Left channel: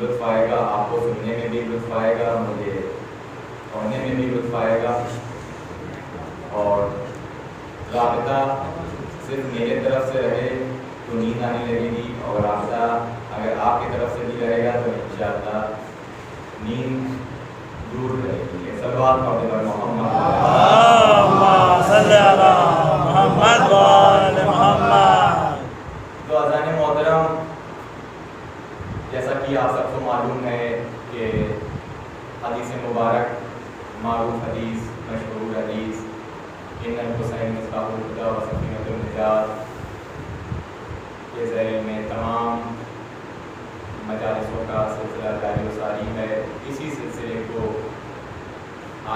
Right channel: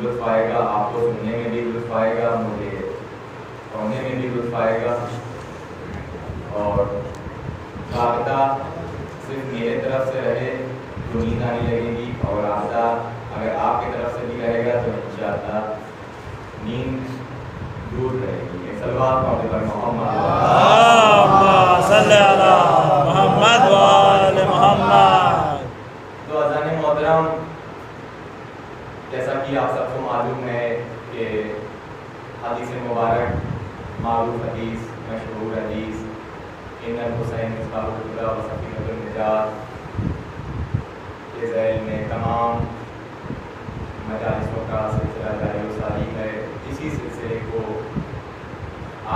لطف آئے گا، آپ کو سننے میں بھی لطف آئے گا، مجھے پڑھنے میں بھی لطف آئے گا، اور رابطہ صرف میرے طرف سے رہے تو نیند آنے لگے گی، اور رابطہ اگر آپ کی طرف سے بھی رہے گا تو انشاءاللہ نیند دور رہے گی۔ صلوات پڑھنے پر محمد صلی اللہ محمد وآل محمد۔ تو اذان محترم، جیسا کہ آپ سب کو معلوم ہے کہ حدیث مبارک، معروف حدیث، مشہور حدیث، ان الحسین مصباح الہدی و سفینۃ النجات کے ذیل میں تمام مجالسوں کا سلسلہ جاری و ساری ہے۔ اسی سلسلے کو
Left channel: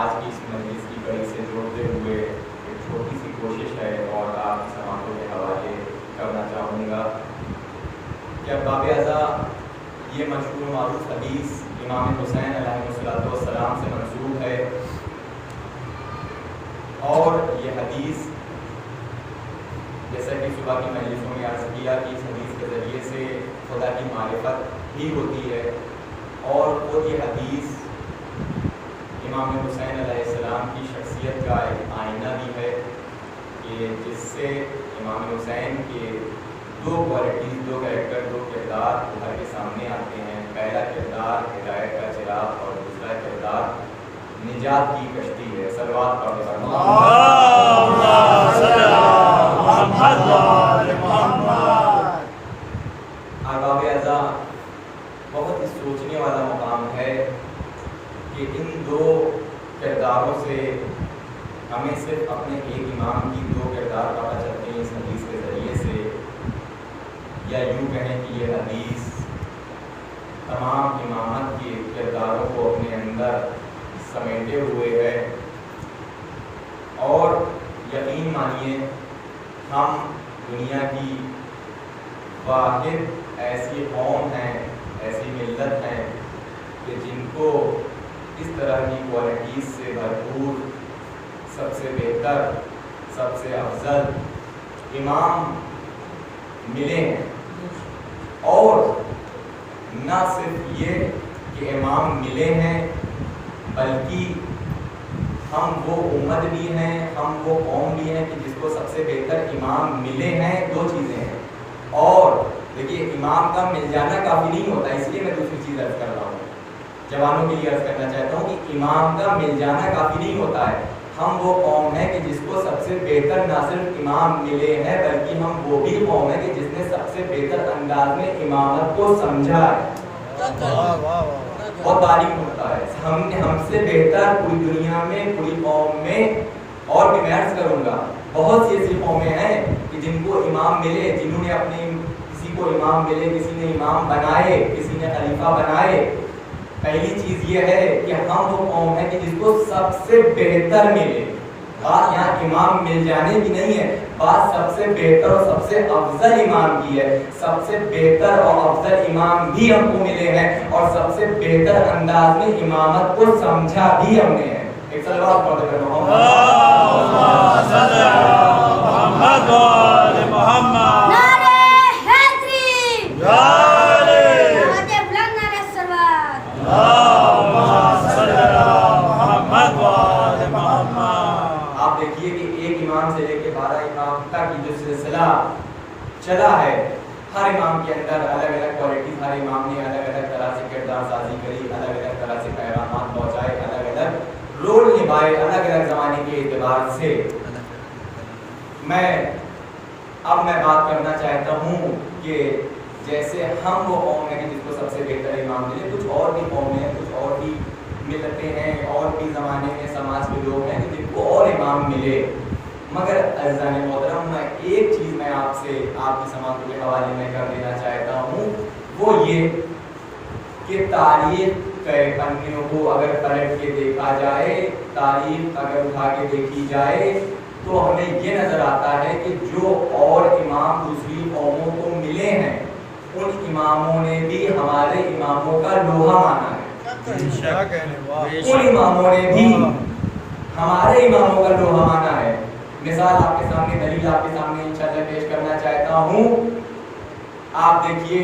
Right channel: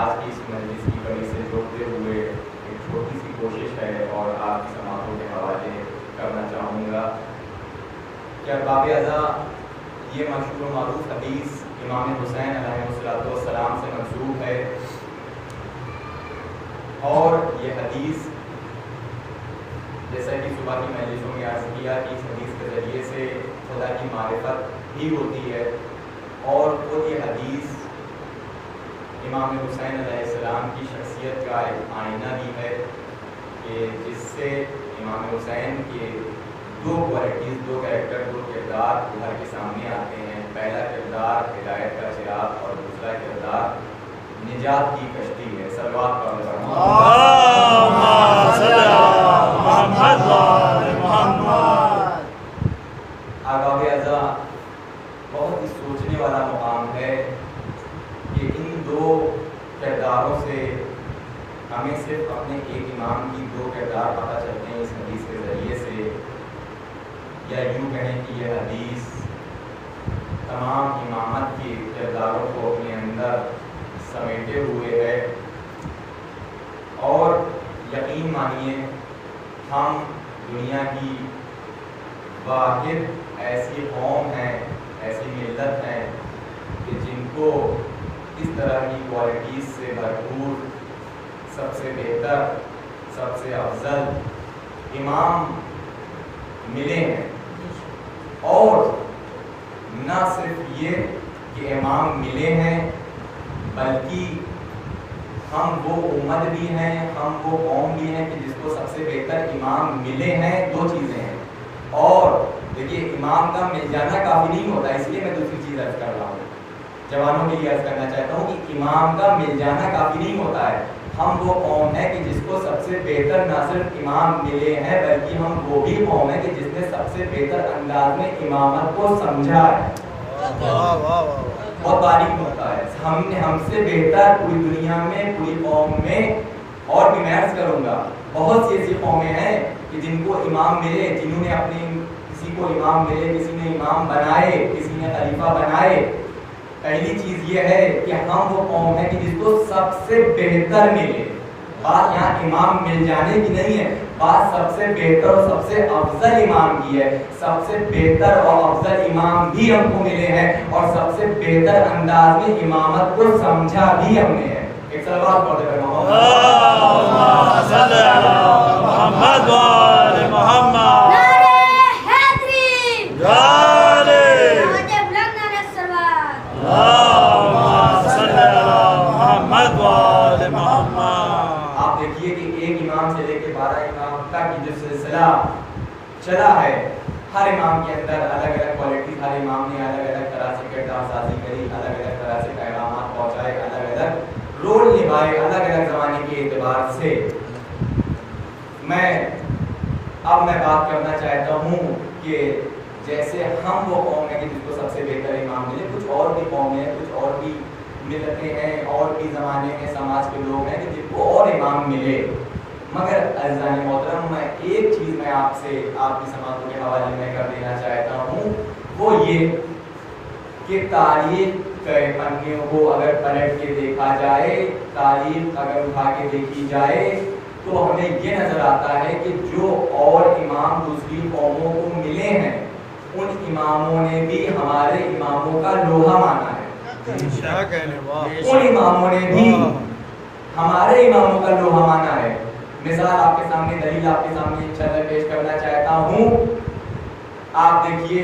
آج کی اس مجلس کی کڑی سے جوڑتے ہوئے ایک چھوٹی سی کوشش ہے اور آپ کی سماعتوں کے حوالے کرنا چاہوں گا کہ ارباب اعضاء، یہ مشہور و معروف حدیث امام حسین علیہ السلام سے منسوب ہے، اور یہ حدیث جیسا کہ صبح کی مجلسوں میں عرض کیا کہ اس حدیث کے ذریعے سے خدا کی معرفت بھی ہوتی ہے، اور وہ یہ حدیث امام حسین علیہ السلام کی شخصیت کا ایک آئینہ بھی ہے کہ جس سے امام حسین کے دو کوالٹیز، دو کریکٹر، دو کردار ابھر کے سامنے آتے ہیں۔ پہلا کردار ہدایت کا چراغ اور دوسرا کردار نجات کی کشتی ہے۔ صلوات پڑھ کر احباب اعزاء، بہت ہی سوچنے والا مقام ہے کہ ان دو کرداروں سے ہمیں صرف اپنے ایک امام کی دو کردار پتہ چلتے ہیں اس حدیث کے ذریعے سے، یا یوں کہیں کہ یہ حدیث تمام امامت کے کرداروں کو اپنے اندر سمیٹے ہوئے ہے۔ اور یقین مانیے، ہم دنیا کی واحد ایسی قوم ہیں، ایسی ملت ہیں کہ جن کو اس طرح کی کوالٹیز سے بھرپور، سب سے بہتر، سب سے افضل امام ملے ہیں۔ اور نہ صرف یہ کہ امام ملے ہیں، بلکہ ہم وہ امت بھی ہیں، ہم وہ قوم بھی ہیں کہ جس کو سب سے بہتر امام ملے ہیں۔ دو چیزیں ہیں۔ اور دیکھیے، امام کا مل جانا کافی نہیں ہوتا، اس لیے میں دوسری چیز عرض کر رہا ہوں، جوانوں کے لیے عرض کرنا چاہتا ہوں کہ امام کا مل جانا کافی نہیں ہوتا ہے۔ ہم وہ قوم ہیں کہ جس کو سب سے بہتر نہ صرف امام ملے ہیں، بلکہ ہم وہ بھی قوم ہیں کہ جس نے سب سے بہتر انداز میں امامت کو سمجھا ہے۔ بہت باریک ہوتا ہے، ہم سے بہتر پوری دنیا میں، پوری قوم میں، اور بھی میں عرض کروں گا بہت سی ایسی قومیں ہیں کہ جن کو امام ملے، جنہوں نے اپنے کسی کو امام ملے، کسی نے امام بنائے، کسی نے خلیفہ بنائے۔ پہلی چیز یہ ہے کہ ہم وہ قوم ہے کہ جس کو سب سے بہتر ملے۔ بات یہاں امام مل جانے کی نہیں ہے، بات سب سے بہتر اور سب سے افضل امام کی ہے۔ سب سے بہتر اور افضل امام بھی ہم کو ملے ہیں، اور سب سے بہتر انداز میں امامت کو سمجھا بھی ہم نے ہے۔ ایک صلوات پڑھتے ہیں سے لے کے 12 امام تک کی جو سلسلہ چلا ہے، ہر امام کے اندر الگ الگ کوالٹیز، ہر امام نے الگ الگ طرح سے کردار سازی کری، الگ الگ طرح سے پیغامات پہنچائے، الگ الگ رول نبھائے، الگ الگ زمانے کے اعتبار سے۔ اب میں بات کرنا چاہتا ہوں کہ جیسے ہم وہ قوم ہے کہ جس کو سب سے بہتر امام ملے، کچھ اور بھی قومیں ہیں، کچھ اور بھی ملتیں ہیں، اور بھی زمانے میں سماج کے لوگ ہیں کہ جن کو اور امام ملے۔ مگر عزیزان محترم، میں ایک چیز میں آپ سے، آپ کی سماعتوں کے حوالے میں کر دینا چاہتا ہوں، وہ یہ کہ تاریخ کے پنوں کو اگر پلٹ کے دیکھا جائے، تاریخ اگر اٹھا کے دیکھی جائے، تو ہمیں یہ نظر آتا ہے کہ جو اور امام دوسری قوموں کو ملے ہیں، ان اماموں نے بھی ہمارے اماموں کا لوہا مانا ہے۔ ان اماموں نے بھی ہمارے اماموں کا لوہا مانا ہے۔ مثال آپ کے سامنے، دلیل آپ کے سامنے انشاءاللہ پیش کرنا چاہتا ہوں۔ آپ دیکھیے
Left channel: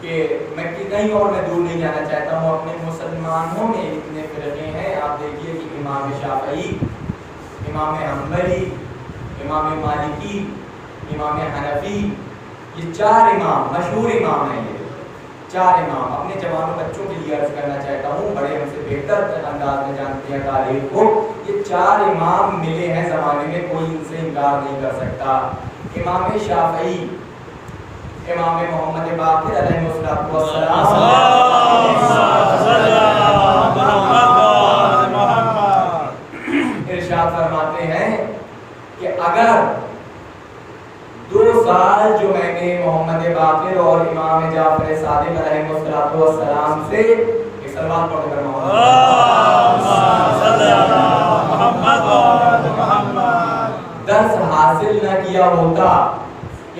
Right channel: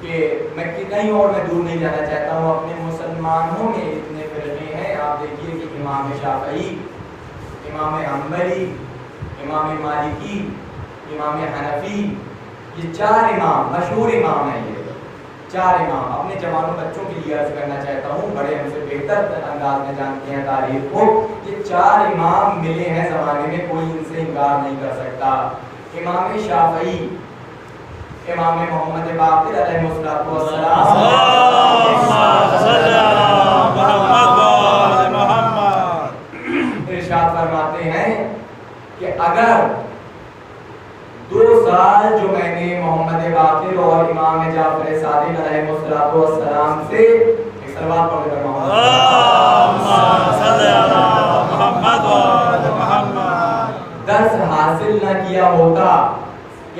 کہ میں کہیں اور میں دور نہیں جانا چاہتا ہوں، اپنے مسلمانوں میں اتنے فرقے ہیں. آپ دیکھیے کہ امام شافعی، امام حنبلی، امام مالکی، امام حنفی، یہ 4 امام مشہور امام ہیں. یہ 4 امام اپنے جوانوں بچوں کے لیے عرض کرنا چاہتا ہوں، بڑے ہم سے بہتر انداز میں جانتے ہیں تاریخ کو. یہ 4 امام ملے ہیں زمانے میں، کوئی ان سے انکار نہیں کر سکتا. امام شافعی، امام محمد باقر علیہ السلام ارشاد فرماتے ہیں کہ اگر 2 سال جو میں نے محمد باقر اور امام جعفر صادق علیہ السلام سے ایک صلوات پڑھ کر درس حاصل نہ کیا ہوتا،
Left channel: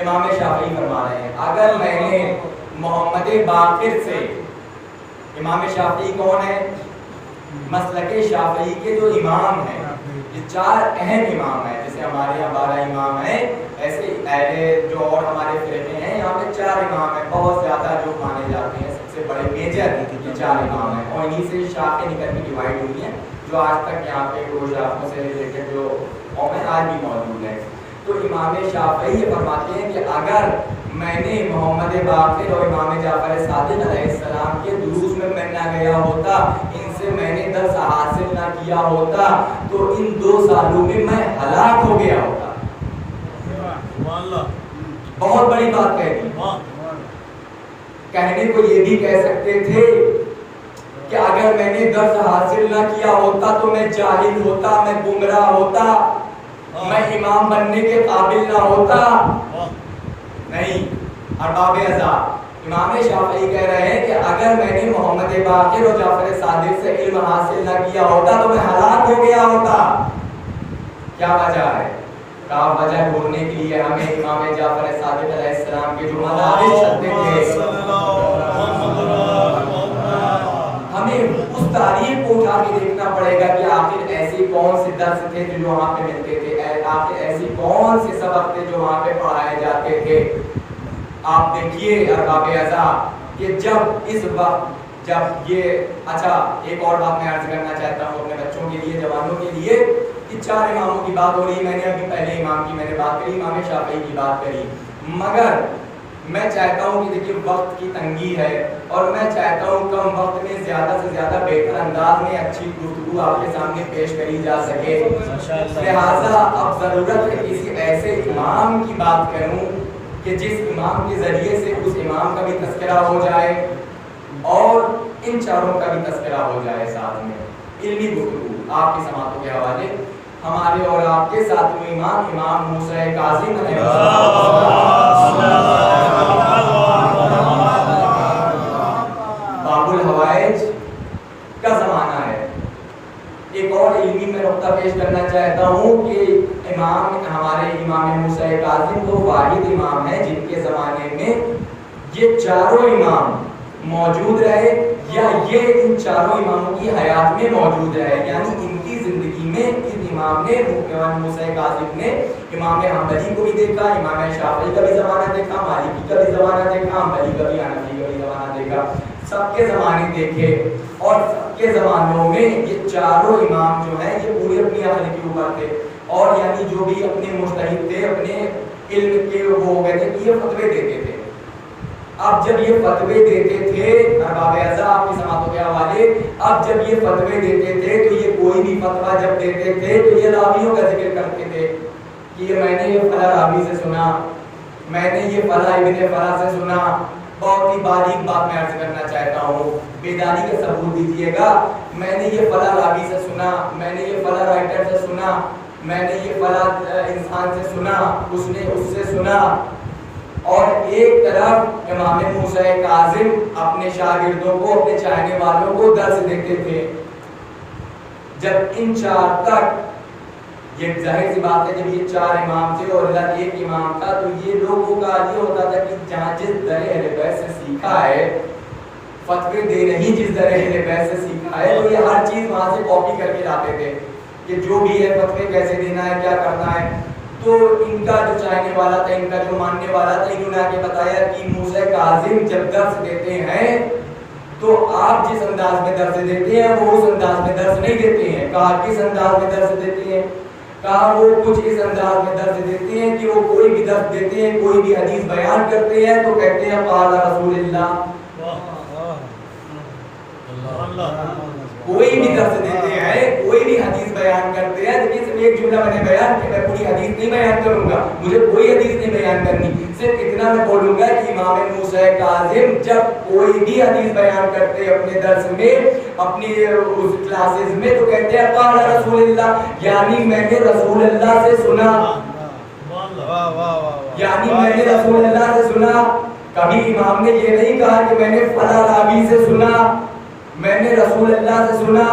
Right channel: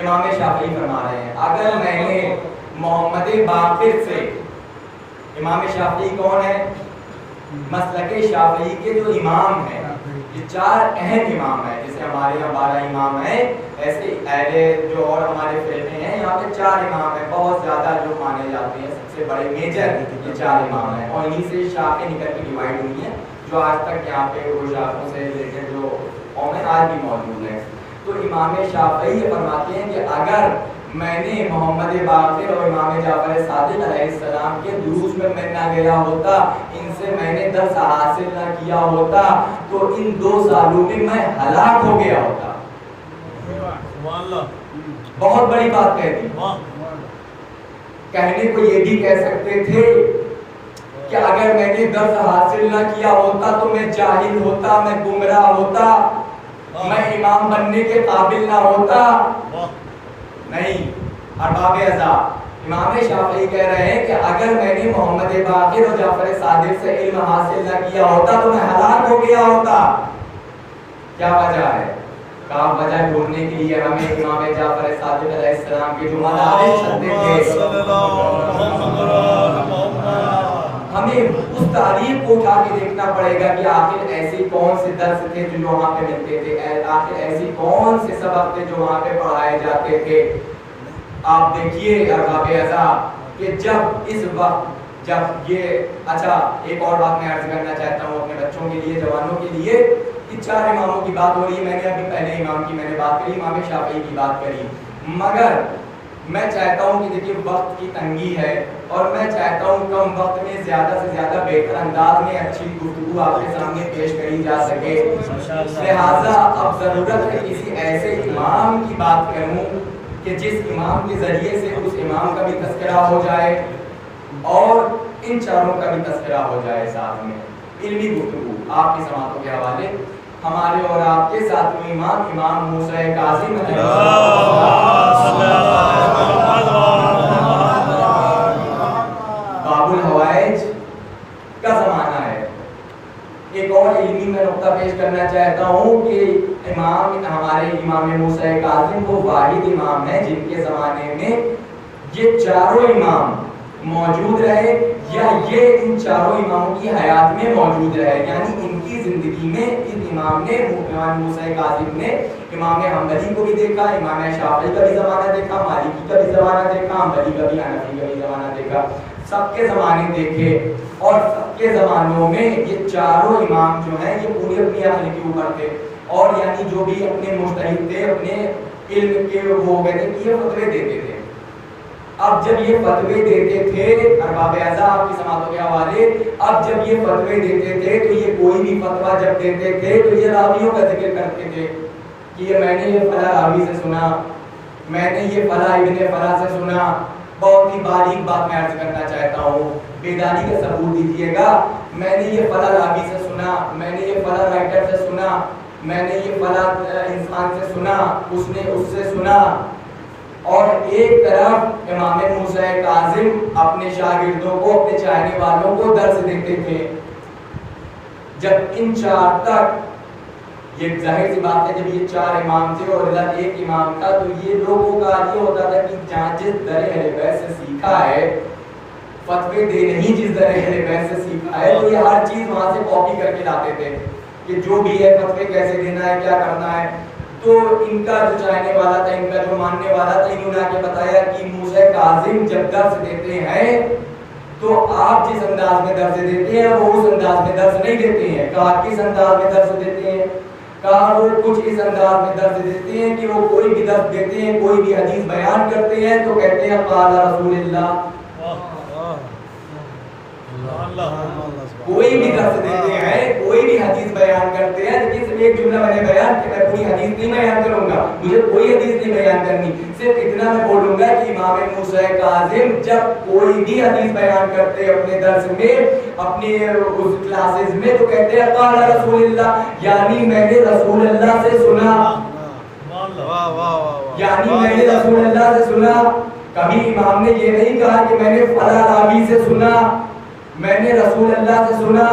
امام شافعی فرما رہے ہیں اگر میں نے محمد باقر سے، امام شافعی کون ہے؟ مسلک شافعی کے جو امام ہیں، یہ 4 اہم امام ہیں. جیسے ہمارے یہاں 12 امام ہیں، ایسے اہل جو اور ہمارے فرقے ہیں یہاں پہ 4 امام ہیں بہت زیادہ جو مانے جاتے ہیں، سب سے بڑے میجر یہ 4 امام ہیں، اور انہی سے شاخیں نکل کے ڈیوائڈ ہوئی ہیں جو آج تک یہاں پہ وہ شاخوں سے ریلیٹڈ جو قومیں آج بھی موجود ہیں. تو امام شافعی یہ فرماتے ہیں کہ اگر میں نے محمد باقر اور امام جعفر صادق علیہ السلام کے دروس میں نہ گیا ہوتا، ان سے میں نے درس حاصل نہ کیا ہوتا، تو ان 2 سالوں میں میں ہلاک ہو گیا ہوتا. بہت بڑی بات کہہ دی. کہنے کو یہ بھی کہہ سکتے تھے کہ اگر میں نے درس حاصل نہ کیا ہوتا تو میں جاہل ہوتا، میں گمراہ ہوتا، میں امام بننے کے قابل نہ ہوتا. نہیں، ارباب عذاب امام شافعی کہہ رہے ہیں کہ اگر میں نے محمد باقر اور جعفر صادق سے علم حاصل نہ کیا ہوتا تو میں ہلاک ہو گیا ہوتا. کیا وجہ ہے؟ کہا وجہ ڈھونڈنے کے لیے ہمیں امام جعفر صادق علیہ السلام کے جو مدارس چلتے تھے، ہمیں اس تاریخ کو اٹھا کے دیکھنا پڑے گا کہ آخر ایسے کون سے درس تھے جو وہاں پہ ملتے تھے، آخر ایسی کون سے سبق تھے جو وہاں پہ پڑھائے جاتے تھے. آپ دیکھیے ارباب عذاب کہ جب اس وقت جب یہ اچھا ایک اور بات میں عرض کرنا چاہتا ہوں اپنے بچوں کے لیے، جوانوں کے لیے، کہ 4 اماموں کی بات ہو رہی ہے. میں نے ابھی پہلے امام کی میں نے بات کری، امام شافعی کی بات کری، مگر میں چاہتا ہوں کہ دیکھیے وقت کی تنگی ہے اور میں چاہتا ہوں کم وقت میں زیادہ سے زیادہ بہتر انداز میں اچھی گفتگو آپ کے سامنے پیش کری جا سکے. لہٰذا اب ضرورت ہے کسی ایسے امام کی بات کروں کہ جس امام کے ذریعے سے اس امام کا بھی تذکرہ ہو جائے اور ان 4 کا بھی تذکرہ ہو جائے. ساتھ میں علمی گفتگو آپ کی سماعتوں کے حوالے ہمارے اور آپ کے ساتویں امام امام موسیٰ کاظم علیہ باب الحوائج کا زمانہ ہے. ایک اور علمی میں نقطہ پیش کرنا چاہتا ہوں کہ امام ہمارے امام موسیٰ کاظم وہ واحد امام ہیں جن کے زمانے میں یہ 4 امام موجود رہے یا یہ ان 4 اماموں کی حیات میں موجود رہے، یعنی ان کی زندگی میں ان امام نے امام موسیٰ کاظم نے امام حنبلی کو بھی دیکھا، امام شافعی کا بھی زمانہ دیکھا، مالکی کا بھی زمانہ دیکھا، حنبلی کا بھی، حنفی کا بھی زمانہ دیکھا، سب کے زمانے دیکھے اور سب کے زمانوں میں یہ 4 امام جو ہیں یہ پورے اپنی عقل کے اوپر تھے اور یعنی جو بھی اپنے مجتہد تھے اپنے علم کے وہ کہتے ہیں کہ یہ فتوے دیتے تھے. اب جب یہ فتوے دیتے تھے ارباب اعضاء آپ کی سماعتوں کے حوالے، اب جب یہ فتوے دیتے تھے تو یہ کوئی بھی فتویٰ جب دیتے تھے تو یہ راویوں کا ذکر کرتے تھے کہ یہ میں نے یہ فلاں راوی سے سنا، میں نے یہ فلاں ابن فلاں سے سنا. بہت ہی باریک بات میں عرض کرنا چاہتا ہوں، بیداری کا ثبوت دیجیے گا. میں نے یہ فلاں راوی سے سنا، میں نے یہ فلاں رائٹر سے سنا، میں نے یہ فلاں انسان سے سنا، اس نے اس سے سنا. اور ایک طرف امام موسیٰ کاظم اپنے شاگردوں کو اپنے چاہنے والوں کو درس دیتے تھے. جب ان 4 تک یہ ظاہر سی بات ہے جب یہ 4 امام تھے اور ادھر ایک امام تھا تو یہ لوگوں کا یہ ہوتا تھا کہ جہاں جس در اہل بیت سے سیکھا ہے فتوے دے نہیں، جس در اہل بیت سے سیکھا ہے تو یہ ہر چیز وہاں سے کاپی کر کے لاتے تھے کہ جو بھی ہے فتوے کیسے دینا ہے، کیا کرنا ہے. تو ان کا جو چاہنے والا تھا، ان کا جو ماننے والا تھا، انہوں نے آگے بتایا کہ موسیٰ کاظم جب درس دیتے ہیں تو آپ جس انداز میں درس دیتے ہیں وہ اس انداز میں درس نہیں دیتے ہیں. کہا کس انداز میں درس دیتے ہیں؟ کہا وہ کچھ اس انداز میں درس دیتے ہیں کہ وہ کوئی بھی درس دیتے ہیں، کوئی بھی حدیث بیان کرتے ہیں تو کہتے ہیں قال رسول اللہ. کوئی بھی درس دیتے ہیں، کوئی بھی حدیث بیان کرتے ہیں، لیکن صرف ایک جملہ میں نے بیان کہ میں پوری حدیث نہیں بیان کروں گا، مجھے کوئی حدیث نہیں بیان کرنی، صرف اتنا میں بولوں گا کہ امام موسیٰ کاظم جب کوئی بھی حدیث بیان کرتے ہیں اپنے درس میں، اپنے اس کلاسز میں، تو کہتے ہیں قال رسول اللہ، یعنی میں نے رسول اللہ سے سنا، یعنی میں نے رسول اللہ سے سنا. کبھی امام نے یہ نہیں کہا کہ میں نے فلاں راوی سے سنا، میں نے رسول اللہ سے سنا.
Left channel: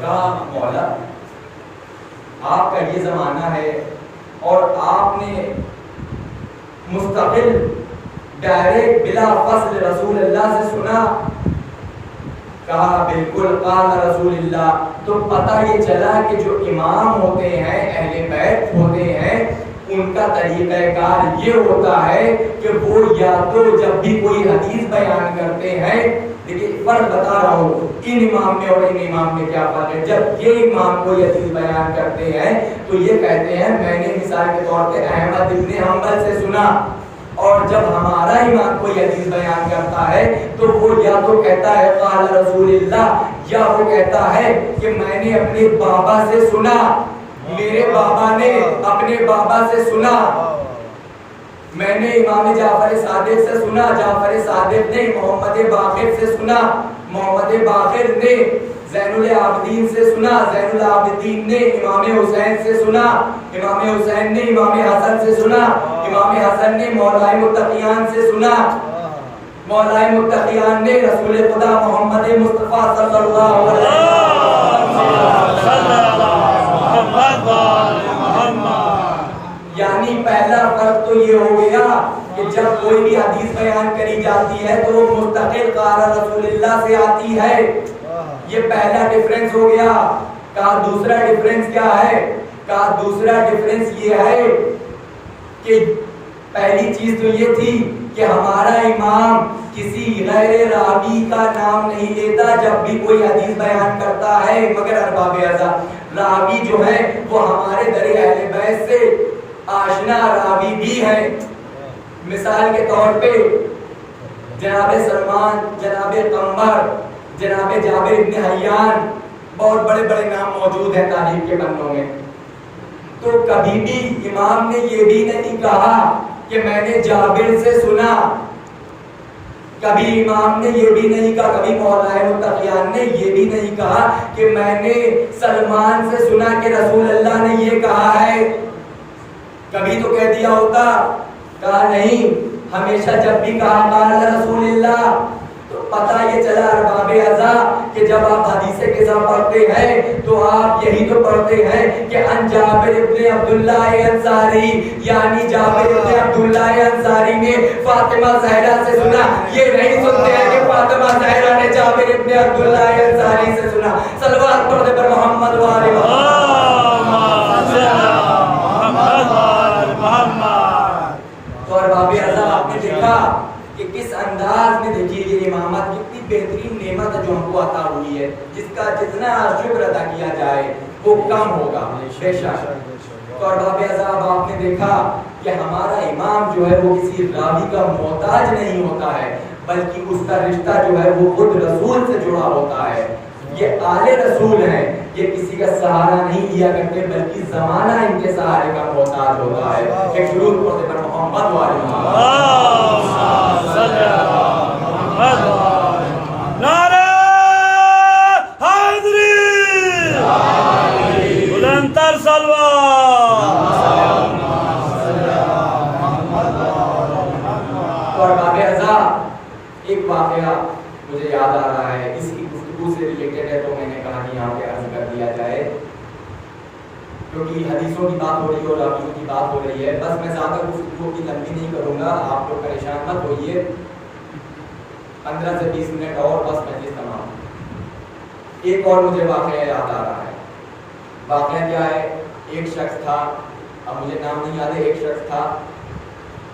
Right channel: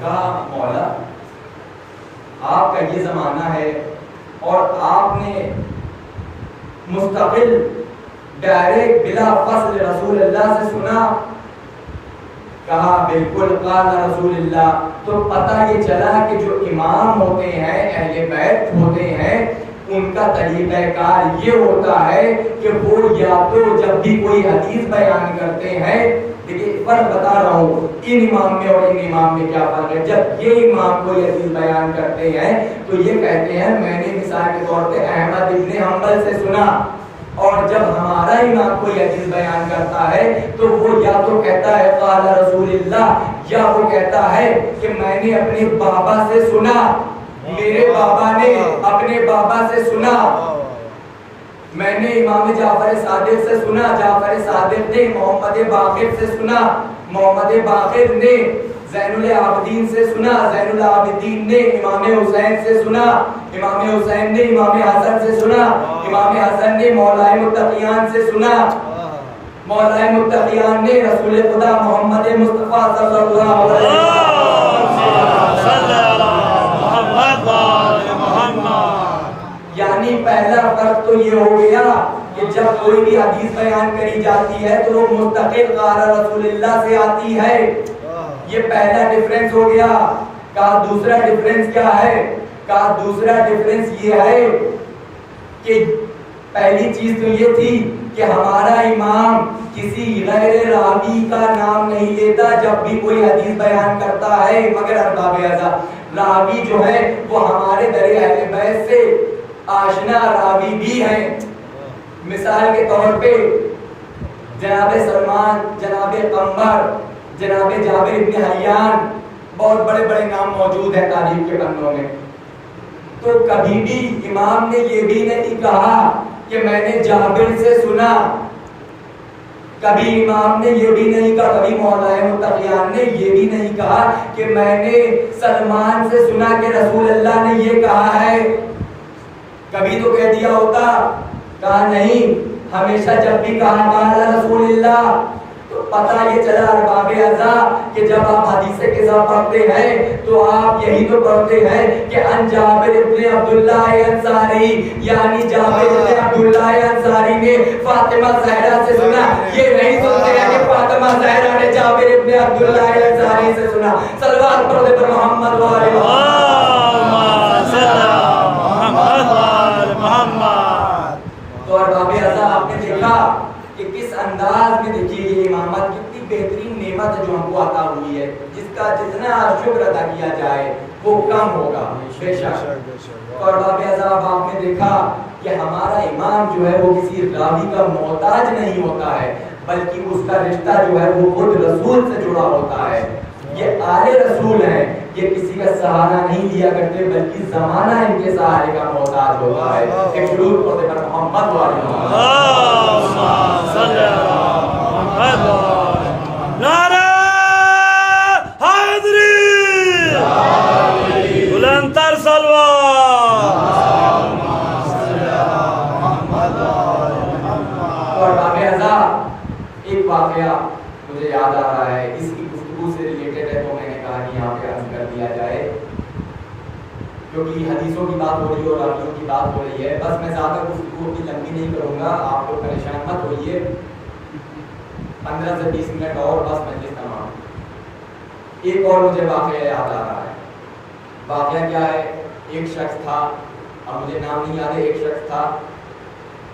کہا مولا آپ کا یہ زمانہ ہے اور آپ نے مستقل ڈائریکٹ بلا فصل رسول اللہ سے سنا. کہا بالکل قال رسول اللہ. تو پتہ یہ چلا کہ جو امام ہوتے ہیں، اہل بیت ہوتے ہیں، ان کا طریقہ کار یہ ہوتا ہے کہ وہ یا تو جب بھی کوئی حدیث بیان کرتے ہیں، لیکن فرق بتا رہا ہوں ان امام میں اور ان امام میں کیا فرق ہے. جب یہ امام کوئی حدیث بیان کرتے ہیں تو یہ کہتے ہیں میں نے مثال کے طور پہ احمد ابن حنبل سے سنا، اور جب ہمارا امام کوئی حدیث بیان کرتا ہے تو وہ یا تو کہتا ہے قال رسول اللہ، یا وہ کہتا ہے کہ میں نے اپنے بابا سے سنا، میرے بابا نے اپنے بابا سے سنا. میں نے امام جعفر صادق سے سنا، جعفر صادق نے محمد باقر سے سنا، محمد باقر نے زین العابدین سے سنا، زین العابدین نے امام حسین سے سنا، امام حسین نے امام حسن سے سنا، امام حسن نے مولائے متقیان سے سنا، مولائے متقیان نے رسول خدا محمد مصطفیٰ صلی اللہ علیہ وسلم. یعنی پہلا فرق تو یہ ہو گیا کہ جب کوئی بھی حدیث بیان کری جاتی ہے تو وہ مستقل قال رسول اللہ سے آتی ہے. یہ پہلا ڈیفرنس ہو گیا. کہا دوسرا ڈیفرنس کیا ہے؟ کہا دوسرا ڈیفرنس یہ ہے کہ پہلی چیز تو یہ تھی کہ ہمارا امام کسی غیر راوی کا نام نہیں لیتا جب بھی کوئی حدیث بیان کرتا ہے، مگر ارباب ازا. راوی جو ہے وہ ہمارے در اہل بیت سے آشنا راوی بھی ہیں. مثال کے طور پہ جناب سلمان، جناب قمر، جناب جابر ابن حیان، بہت بڑے بڑے نام موجود ہیں تاریخ کے پنوں میں. تو کبھی بھی امام نے یہ بھی نہیں کہا کہ میں نے جابر سے سنا، کبھی امام نے یہ بھی نہیں کہا، کبھی مولائے متقیان نے یہ بھی نہیں کہا کہ میں نے سلمان سے سنا کہ رسول اللہ نے یہ کہا ہے. کبھی تو کہہ دیا ہوتا، کہا نہیں، ہمیشہ جب بھی کہا قال رسول اللہ. تو پتہ یہ چلا ارباب ازا کہ جب آپ حدیث قصہ پڑھتے ہیں تو آپ یہی تو پڑھتے ہیں کہ ان جابر ابن عبداللہ انصاری، یعنی جابر ابن عبداللہ انصاری نے فاطمہ زہرا سے سنا. یہ نہیں سنتے ہیں کہ فاطمہ زہرا نے جابر ابن عبداللہ انصاری سے سنا. صلوات پڑھ دے پر محمد و آل ارباب ازا. آپ نے دیکھا کہ کس انداز میں، دیکھیے یہ امامت کتنی بہترین نعمت جو ہم کو عطا ہوئی ہے، جس کا جتنا شکر ادا کیا جائے وہ کم ہوگا بے شک. تو ارباب ازا اب آپ نے دیکھا کہ ہمارا امام جو ہے وہ کسی راوی کا محتاج نہیں ہوتا ہے، بلکہ اس کا رشتہ جو ہے وہ خود رسول سے جڑا ہوتا ہے. یہ آل رسول ہیں، یہ کسی کا سہارا نہیں لیا کرتے بلکہ زمانہ ان کے سہارے کا محتاج ہوتا ہے. ایک درود پڑھتے پر محمد و آل محمد. نعرہ حیدری، بلندتر صلوات. اور باب ازا ایک واقعہ مجھے یاد آ رہا ہے، اس کی گفتگو سے ریلیٹڈ ہے تو میں نے کہا کہ یہاں پہ عرض کر دیا جائے، کیونکہ حدیثوں کی بات ہو رہی ہے اور راویوں کی بات ہو رہی ہے. بس میں زیادہ گفتگو کی لمبی نہیں کروں گا، آپ لوگ پریشان مت ہوئیے. 15 سے 20 منٹ اور بس مجلس تمام. ایک اور مجھے واقعہ یاد آ رہا ہے. واقعہ کیا ہے؟ ایک شخص تھا اب مجھے نام نہیں یاد ہے، ایک شخص تھا،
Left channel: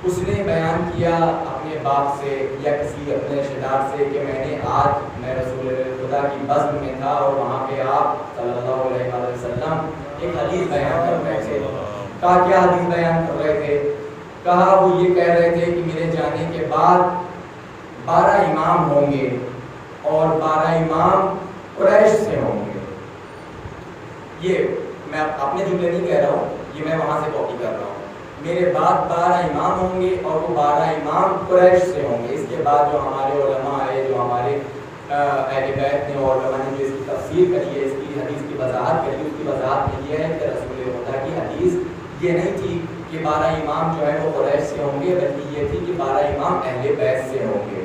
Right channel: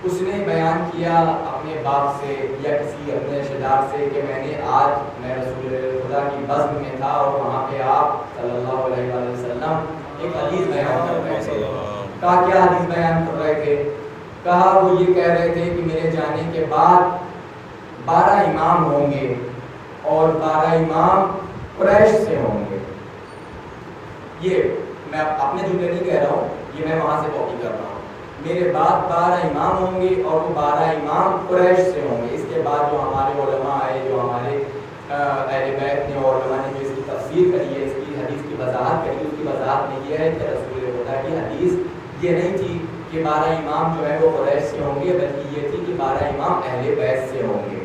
اس نے بیان کیا اپنے باپ سے یا کسی اپنے رشتہ دار سے کہ میں رسول خدا کی بزم میں تھا اور وہاں پہ آپ صلی اللہ علیہ وآلہ وسلم ایک حدیث بیان کر رہے تھے. کہا کیا حدیث بیان کر رہے تھے؟ کہا وہ یہ کہہ رہے تھے کہ میرے جانے کے بعد 12 امام ہوں گے اور 12 امام قریش سے ہوں گے. یہ میں اپنے جملے نہیں کہہ رہا ہوں، یہ میں وہاں سے کاپی کر رہا ہوں. میرے بعد 12 امام ہوں گے اور وہ 12 امام قریش سے ہوں گے. اس کے بعد جو ہمارے علماء آئے، جو ہمارے اہل بیت نے اور علماء نے جو اس کی تفسیر کری ہے، اس کی حدیث کی وضاحت کری، اس کی وضاحت میں یہ ہے کہ رسول خدا کی حدیث یہ نہیں تھی کہ 12 امام جو ہیں وہ قریش سے ہوں گے، بلکہ یہ تھی کہ 12 امام اہل بیت سے ہوں گے.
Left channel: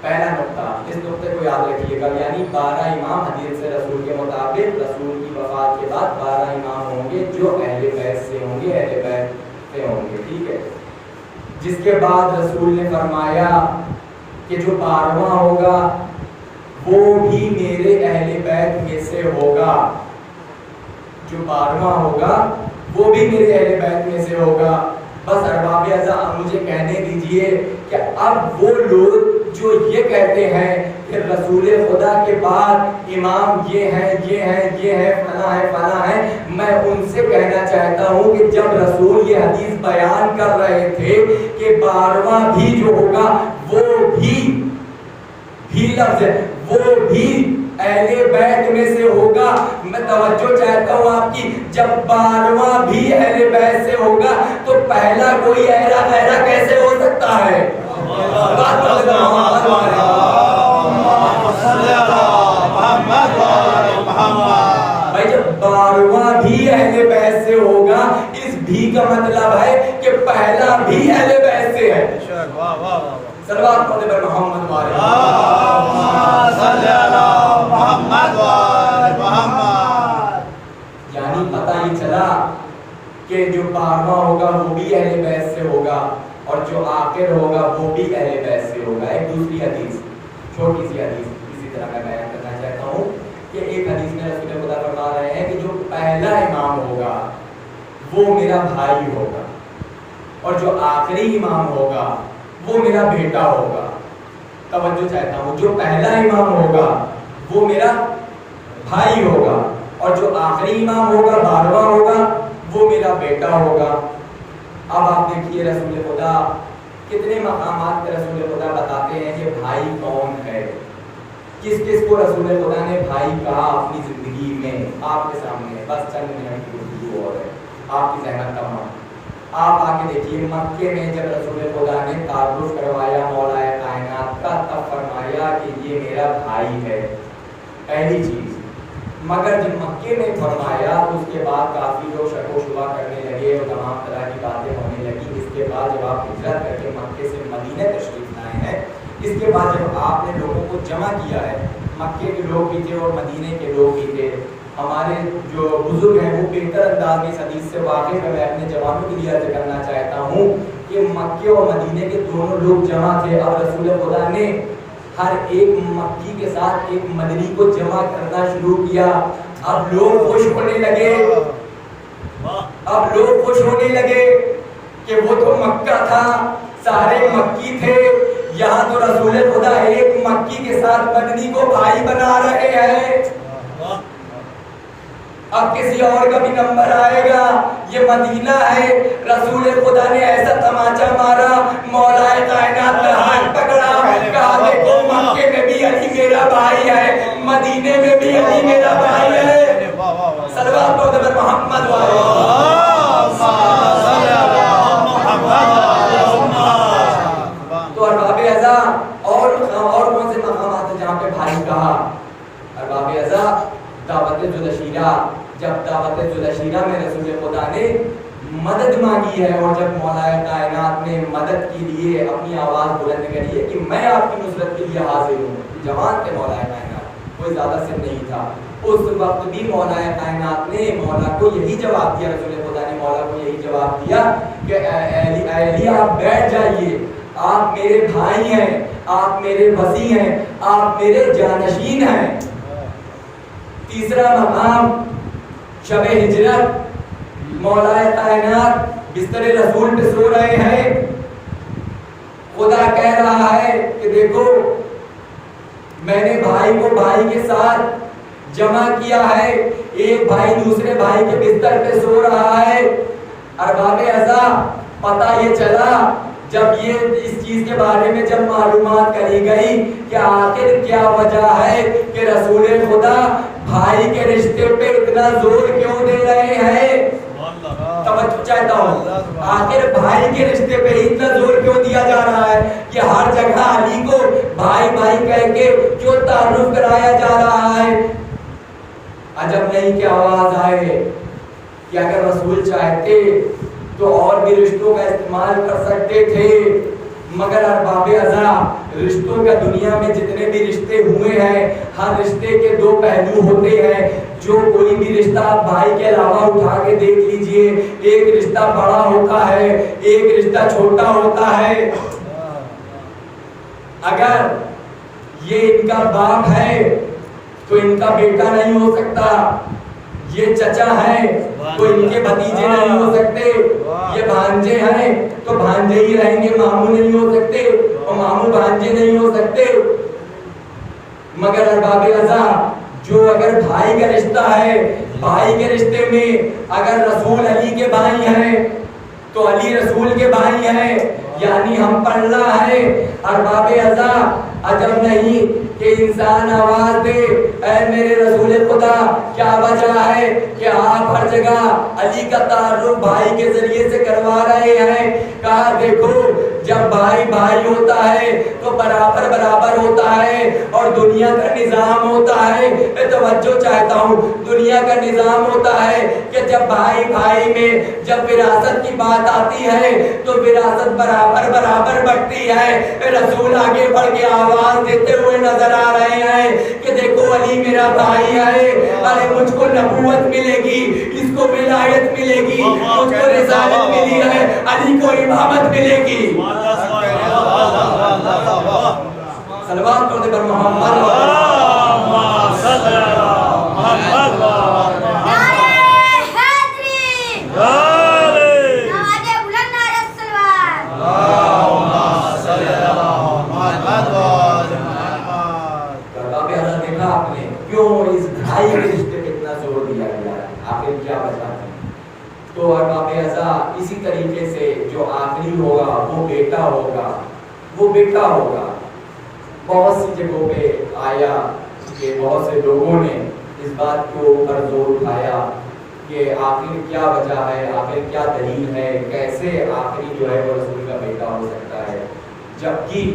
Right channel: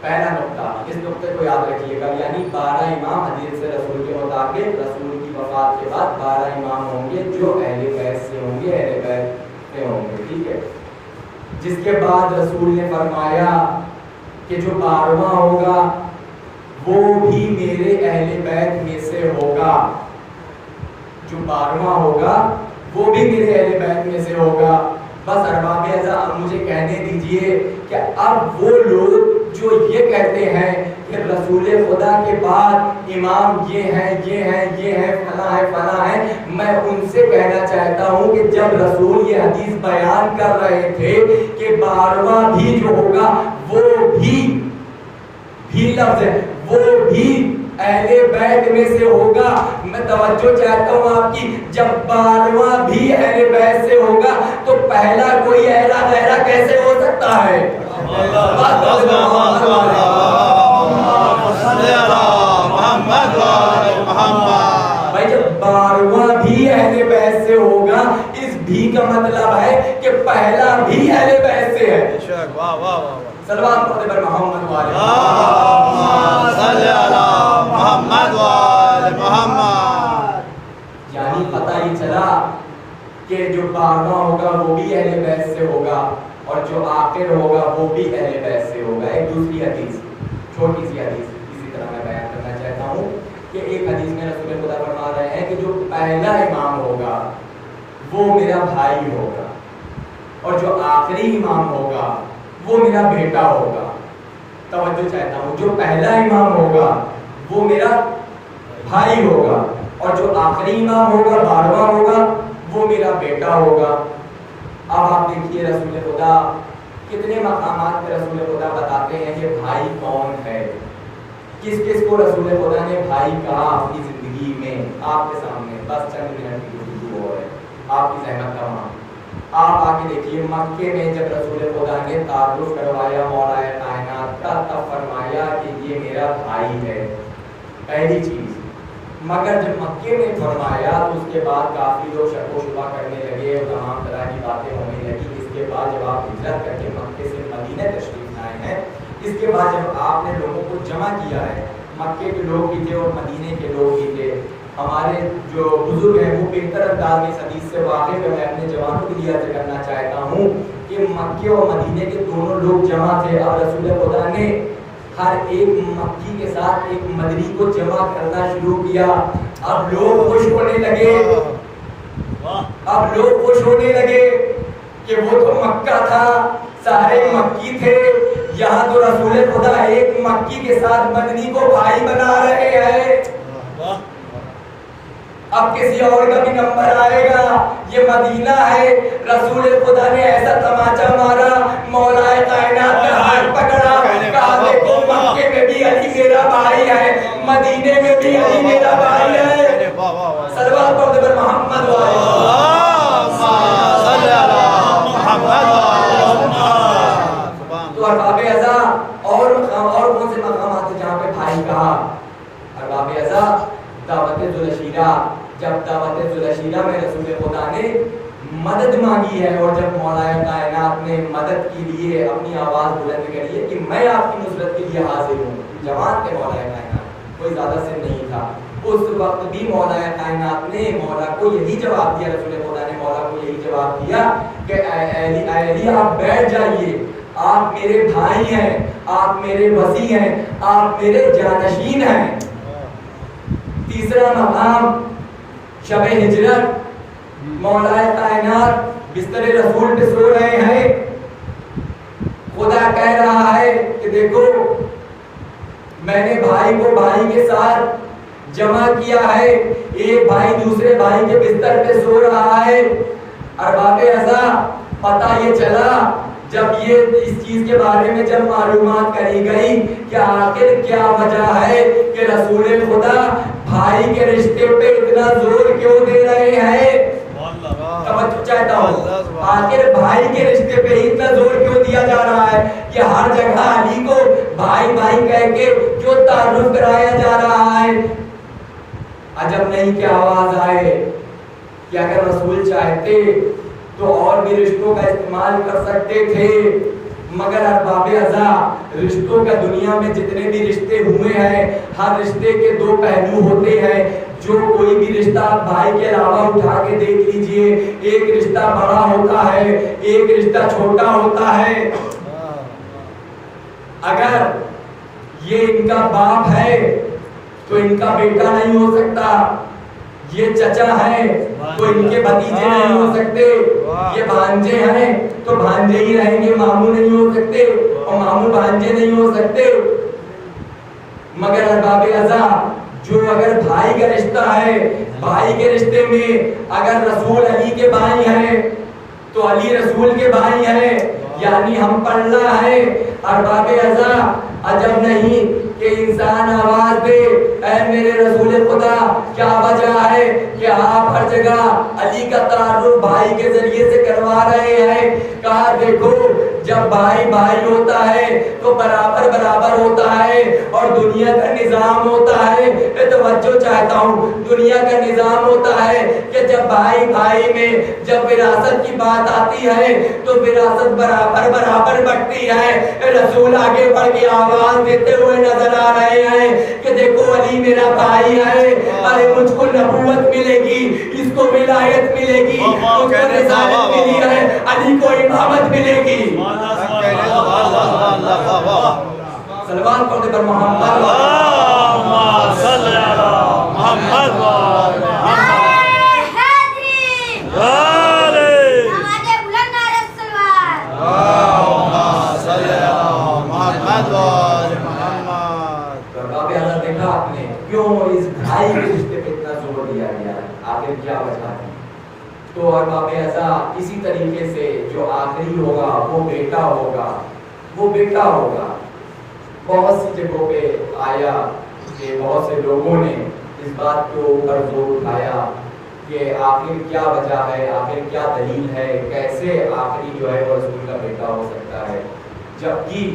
پہلا نقطہ، اس نقطے کو یاد رکھیے گا، یعنی 12 امام حدیث سے رسول کے مطابق رسول کی وفات کے بعد 12 امام ہوں گے جو اہل بیت سے ہوں گے، اہل بیت سے ہوں گے. ٹھیک ہے. جس کے بعد رسول نے فرمایا کہ جو 12واں ہوگا وہ بھی میرے اہل بیت میں سے ہوگا. جو 12واں ہوگا وہ بھی میرے اہل بیت میں سے ہوگا. بس ارباب اعضاء مجھے کہنے دیجئے کہ اب وہ لوگ جو یہ کہتے ہیں کہ رسول خدا کے بعد امام یہ ہیں، یہ ہیں، یہ ہیں، فلاں ہے، فلاں ہے، میں ان سے کہنا چاہتا ہوں کہ جب رسول یہ حدیث بیان کر رہے تھے کہ 12واں بھی جو ہوگا وہ بھی لفظ ہے، وہ بھی اہل بیت میں سے ہوگا. میں توجہ چاہتا ہوں آپ کی، جب 12واں بھی اہل بیت سے ہوگا تو پہلا کوئی ایرا غیرہ کیسے ہو سکتا ہے؟ بھائی جب 12واں بھی اہل بیت سے ہوگا، اس بھی کا مطلب ہے کہ پہلا بھی اہل بیت سے ہے. صلوات پڑھتے پر محمد والے یعنی پتہ یہ چلا کہ جو 12واں ہوگا وہ بھی اہل بیت سے ہوگا اور جو آخر ہوگا وہ بھی اہل بیت سے ہوگا. ایک دوسری حدیث، چھوٹی سی حدیث اسی طرح میں بیان کرنا چاہتا ہوں کہ ایک حدیث میں رسول خدا فرما رہے ہیں کہ جو پہلا امام ہوگا وہ میرا بھائی ہوگا اور جو آخری امام ہوگا وہ میرا بیٹا ہوگا. توجہ چاہتا ہوں، جو پہلا امام ہوگا وہ میرا بھائی ہوگا اور جو آخری امام ہوگا 12واں ہوگا وہ میرا بیٹا ہوگا. اب آپ دیکھیے رسول خدا کتنے مقامات پہ رسول خدا بتاتے ہیں کہ بھائی کون ہے، کس کس کو رسول خدا نے بھائی کہا اپنی زندگی میں. آپ کے سامنے بس چند منٹ کی گفتگو ہو ہے، آپ کی زحمت کا مان. آپ آ کے دیکھیے مکے میں جب رسول خدا نے تعارف کروایا مولا کائنات کا، تب فرمایا کہ یہ میرا بھائی ہے، پہلی چیز. مگر جب مکے میں فرمایا تو اس کے بعد کافی لوگ شک و شبہ کرنے لگے اور تمام طرح کی باتیں ہونے لگی. اس کے بعد جب آپ ہجرت کر کے مکے سے مدینہ تشریف لائے ہیں، اس کے بعد جب آپ نے لوگوں کو جمع کیا ہے، مکے کے لوگ بھی تھے اور مدینے کے لوگ بھی تھے. ہمارے جو بزرگ ہیں وہ بہتر انداز میں اس حدیث سے واقف ہے. میں اپنے جوانوں کے لیے عرض کرنا چاہتا ہوں کہ مکے اور مدینے کے دونوں لوگ جمع تھے اور رسول خدا نے ہر ایک مکی کے ساتھ ایک مدنی کو جمع کرنا شروع کیا. اب لوگ خوش ہونے لگے کہ وہ تو مکہ تھا، سارے مکی تھے، یہاں تو رسول خدا ایک مکی کے ساتھ مدنی کو بھائی بنا رہے ہیں. اب کسی اور کا بھی نمبر آئے گا، یہ مدینہ ہے. رسول خدا نے ایسا تماچا مارا، مولا کائنات کا ہاتھ پکڑا، کہا دیکھو مکے میں بھی علی میرا بھائی ہے، مدینے میں بھی علی میرا بھائی ہے. صلوات پڑھتے پر محمد تو ارباب اعضاء اور کون سے مقامات ہیں جہاں پہ بھائی کہا؟ ارباب اعضاء دعوت ذوالعشیرہ، جب دعوت ذوالعشیرہ میں رسول خدا نے مدد مانگی ہے اور جب مولا کائنات نے مدد کے لیے اپنی آواز بلند کری ہے کہ میں آپ کی نصرت کے لیے حاضر ہوں. جوان تھے مولا کائنات، کوئی زیادہ سن نہیں تھا. اس وقت بھی مولا کائنات نے مولا کو یہی جواب دیا، رسول خدا نے مولا کو یہی جواب دیا کہ اے علی آپ بیٹھ جائیے، آپ میرے بھائی ہیں، آپ میرے وصی ہیں، آپ میرے جانشین ہیں. تیسرا مقام شب ہجرت، مولا کائنات بستر رسول پہ سو رہے ہیں. خدا کہہ رہا ہے کہ دیکھو میں نے بھائی کو بھائی کے ساتھ جمع کیا ہے. ایک بھائی دوسرے بھائی کے بستر پہ سو رہا ہے. ارباب ازا پتہ یہ چلا جب یہ اس چیز کے بارے میں جب معلومات کری گئی کہ آخر کیا وجہ ہے کہ رسول خدا بھائی کے رشتے پہ اتنا زور کیوں دے رہے ہیں. توجہ چاہتا ہوں, آخر بھائی کے رشتے پہ اتنا زور کیوں دیا جا رہا ہے کہ ہر جگہ علی کو بھائی بھائی کہہ کے کیوں تعارف کرایا جا رہا ہے. عجب نہیں کہ آواز آئے کہ اگر رسول چاہتے تو اور بھی رشتوں کا استعمال کر سکتے تھے, مگر ارباب ازا رشتوں کا دنیا میں جتنے بھی رشتے ہوئے ہیں ہر رشتے کے دو پہلو ہوتے ہیں. جو کوئی بھی رشتہ آپ بھائی کے علاوہ اٹھا کے دیکھ لیجئے, ایک رشتہ بڑا ہوتا ہے ایک رشتہ چھوٹا ہوتا ہے. اگر یہ ان کا باپ ہے تو ان کا بیٹا نہیں ہو سکتا, یہ چچا ہیں تو ان کے بھتیجے نہیں ہو سکتے, یہ بھانجے ہیں تو بھانجے ہی رہیں گے, ماموں نہیں ہو سکتے اور ماموں بھانجے نہیں ہو سکتے. مگر ارباب ازا جو اگر بھائی کا رشتہ ہے, بھائی کے رشتے میں اگر رسول علی کے بھائی ہیں تو علی رسول کے بھائی ہیں, یعنی ہم پلہ ہیں. ارباب ازا عجب نہیں کہ انسان آواز دے اے میرے رسول خدا کیا وجہ ہے کہ آپ ہر جگہ علی کا تعارف بھائی کے ذریعے سے کروا رہے ہیں. کہا دیکھو جب بھائی بھائی ہوتا ہے تو برابر برابر ہوتا ہے اور دنیا کا نظام ہوتا ہے. توجہ چاہتا ہوں, دنیا کا نظام ہوتا ہے کہ جب بھائی بھائی میں جب وراثت کی بات آتی ہے تو وراثت برابر برابر بٹتی ہے. رسول آگے بڑھ کے آواز دیتے ہوئے نظر آ رہے ہیں کہ دیکھو علی میرا بھائی ہے, ارے مجھ کو نبوت ملے گی, اس کو ولایت ملے گی, مجھ کو رسالت ملی ہے, علی کو امامت ملے گی. صلوات پڑھتے پر محمد بھائی کے رشتے پہ اتنا زور دیا گیا, آخر کیا وجہ ہے. تو ارباب ازا اسی طریقے سے جو آخری ہوگا وہ بیٹا ہوگا, وہ بیٹا ہوگا. بہت سی جگہوں پہ آیا کہ بہت سے لوگوں نے اس بات کو پر زور اٹھایا کہ آخر کیا وجہ ہے, آخر کیا دلیل ہے, کیسے آخری جو ہے وہ رسول کا بیٹا ہو سکتا ہے. جبکہ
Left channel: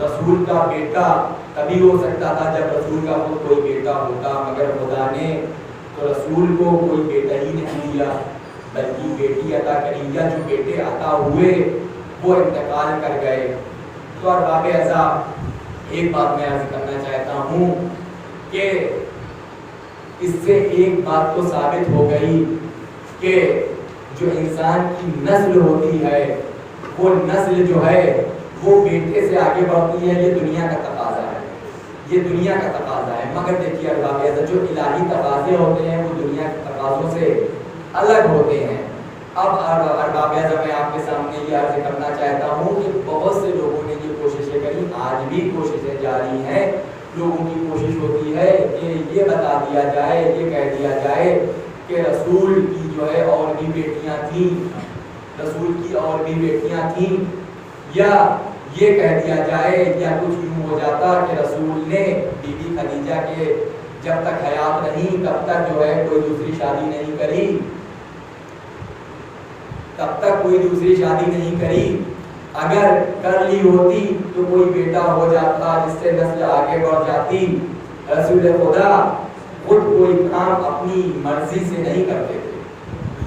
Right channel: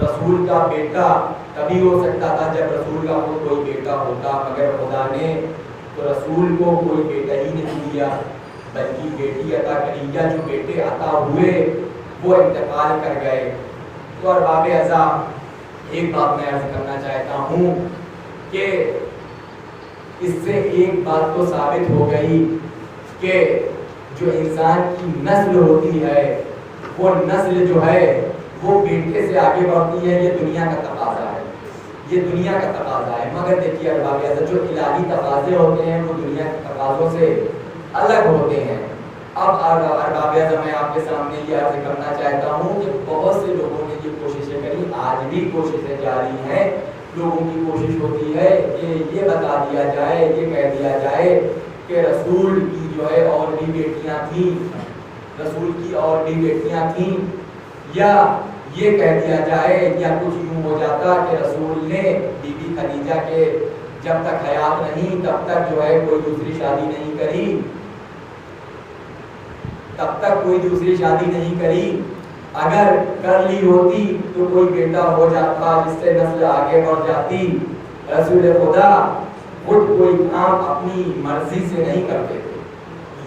رسول کا بیٹا تبھی ہو سکتا تھا جب رسول کا خود کوئی بیٹا ہوتا, مگر خدا نے تو رسول کو کوئی بیٹا ہی نہیں دیا بلکہ بیٹی عطا کری, یا جو بیٹے عطا ہوئے وہ انتقال کر گئے. تو ارباب ازا ایک بات میں عرض کرنا چاہتا ہوں کہ اس سے ایک بات تو ثابت ہو گئی کہ جو انسان کی نسل ہوتی ہے وہ نسل جو ہے وہ بیٹے سے آگے بڑھتی ہے. یہ دنیا کا تقاضا ہے, یہ دنیا کا تقاضا ہے. مگر دیکھیے ارباب ازا جو الہی تقاضے ہوتے ہیں وہ دنیا کے تقاضوں سے الگ ہوتے ہیں. اب ارباب ازا میں آپ کے سامنے یہ عرض کرنا چاہتا ہوں کہ بہت سے لوگوں نے یہ کوششیں کری, آج بھی کوششیں جاری ہیں. لوگوں کی کوشش ہوتی ہے کہ یہ بتا دیا جائے, یہ کہہ دیا جائے کہ رسول کی جو ہے اور بھی بیٹیاں تھیں, رسول کی اور بھی بیٹیاں تھیں, یا یہ کہہ دیا جائے یا کچھ یوں ہو جاتا کہ رسول نے بی بی خدیجہ کے جب تک حیات نہیں تب تک جو ہے کوئی دوسری شادی نہیں کری, تب تک کوئی دوسری شادی نہیں کری. اگر کر لی ہوتی تو کوئی بیٹا ہو جاتا جس سے نسل آگے بڑھ جاتی. رسول خدا خود کوئی کام اپنی مرضی سے نہیں کرتے تھے.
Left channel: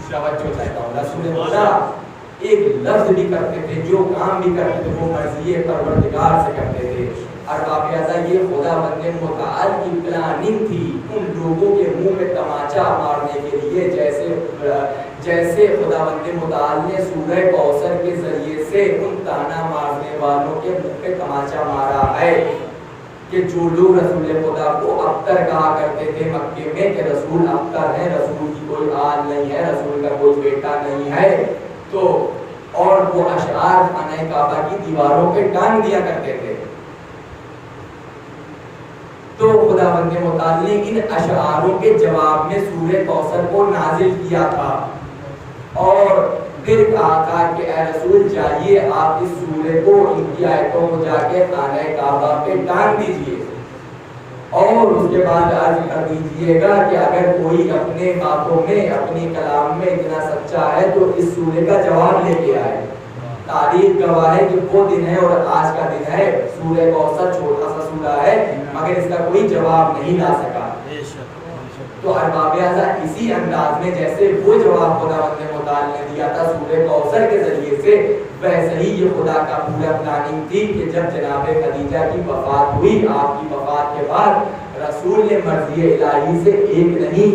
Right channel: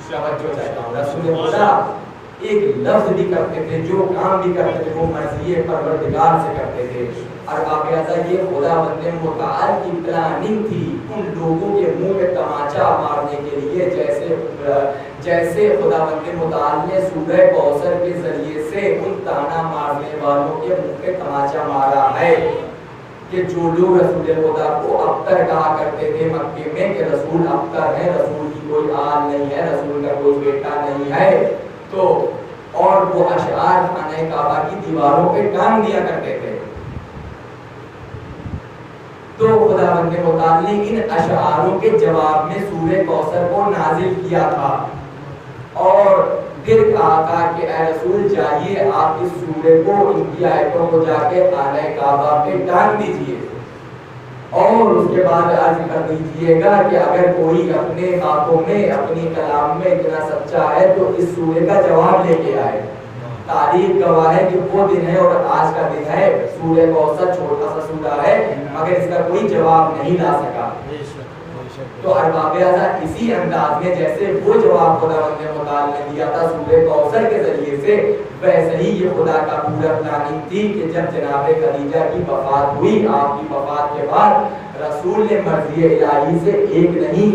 توجہ چاہتا ہوں, رسول خدا ایک لفظ بھی کرتے تھے, جو کام بھی کرتے تھے وہ مرضی پروردگار سے کرتے تھے. ارباب ازا یہ خدا بند متعال کی پلاننگ تھی ان لوگوں کے منہ میں تماچا مارنے کے لیے, جیسے خدا بند متعال نے سورہ کوثر کے ذریعے سے ان تانا مارنے والوں کے منہ پہ تماچا مارا ہے کہ جو لوگ رسول خدا کو ابتر کہا کرتے تھے مکے میں کہ رسول ابتر ہے, رسول کی کوئی آل نہیں ہے, رسول کا کوئی بیٹا نہیں ہے تو اور وہ اشعار خانہ کعبہ کی دیواروں پہ ٹانگ دیا کرتے تھے. تو خداوند متعال نے ان اشعاروں کے جواب میں سورہ کوثر کو نازل کیا تھا اور پھر کہا تھا کہ اے رسول جائیے آپ اس سورہ کو ان کی آیتوں کو جا کے خانہ کعبہ پہ ٹانگ دیجئے اور اس کے بعد عرض کر دیجئے گا کہ اگر کوئی اپنے باتوں میں اپنی کلام میں اتنا سچا ہے تو اس سورہ کا جواب لے کے آئے. تاریخ گواہ ہے کہ وہ دن ہے اور آج کا دن ہے. سورہ کوثر چھوٹا سا سورہ ہے مگر اس کا کوئی جواب نہیں لا سکا. تو ارباب اعضاء اسی انداز میں جیسے وہ جواب خداوند متعال نے دیا تھا سورہ کوثر کے ذریعے سے ویسے ہی یہ خدا کا پورا پلاننگ تھی کہ جب جناب خدیجہ کی وفات ہوئی آپ کی وفات کے بعد رسول نے مرضی الہی سے ایک نہیں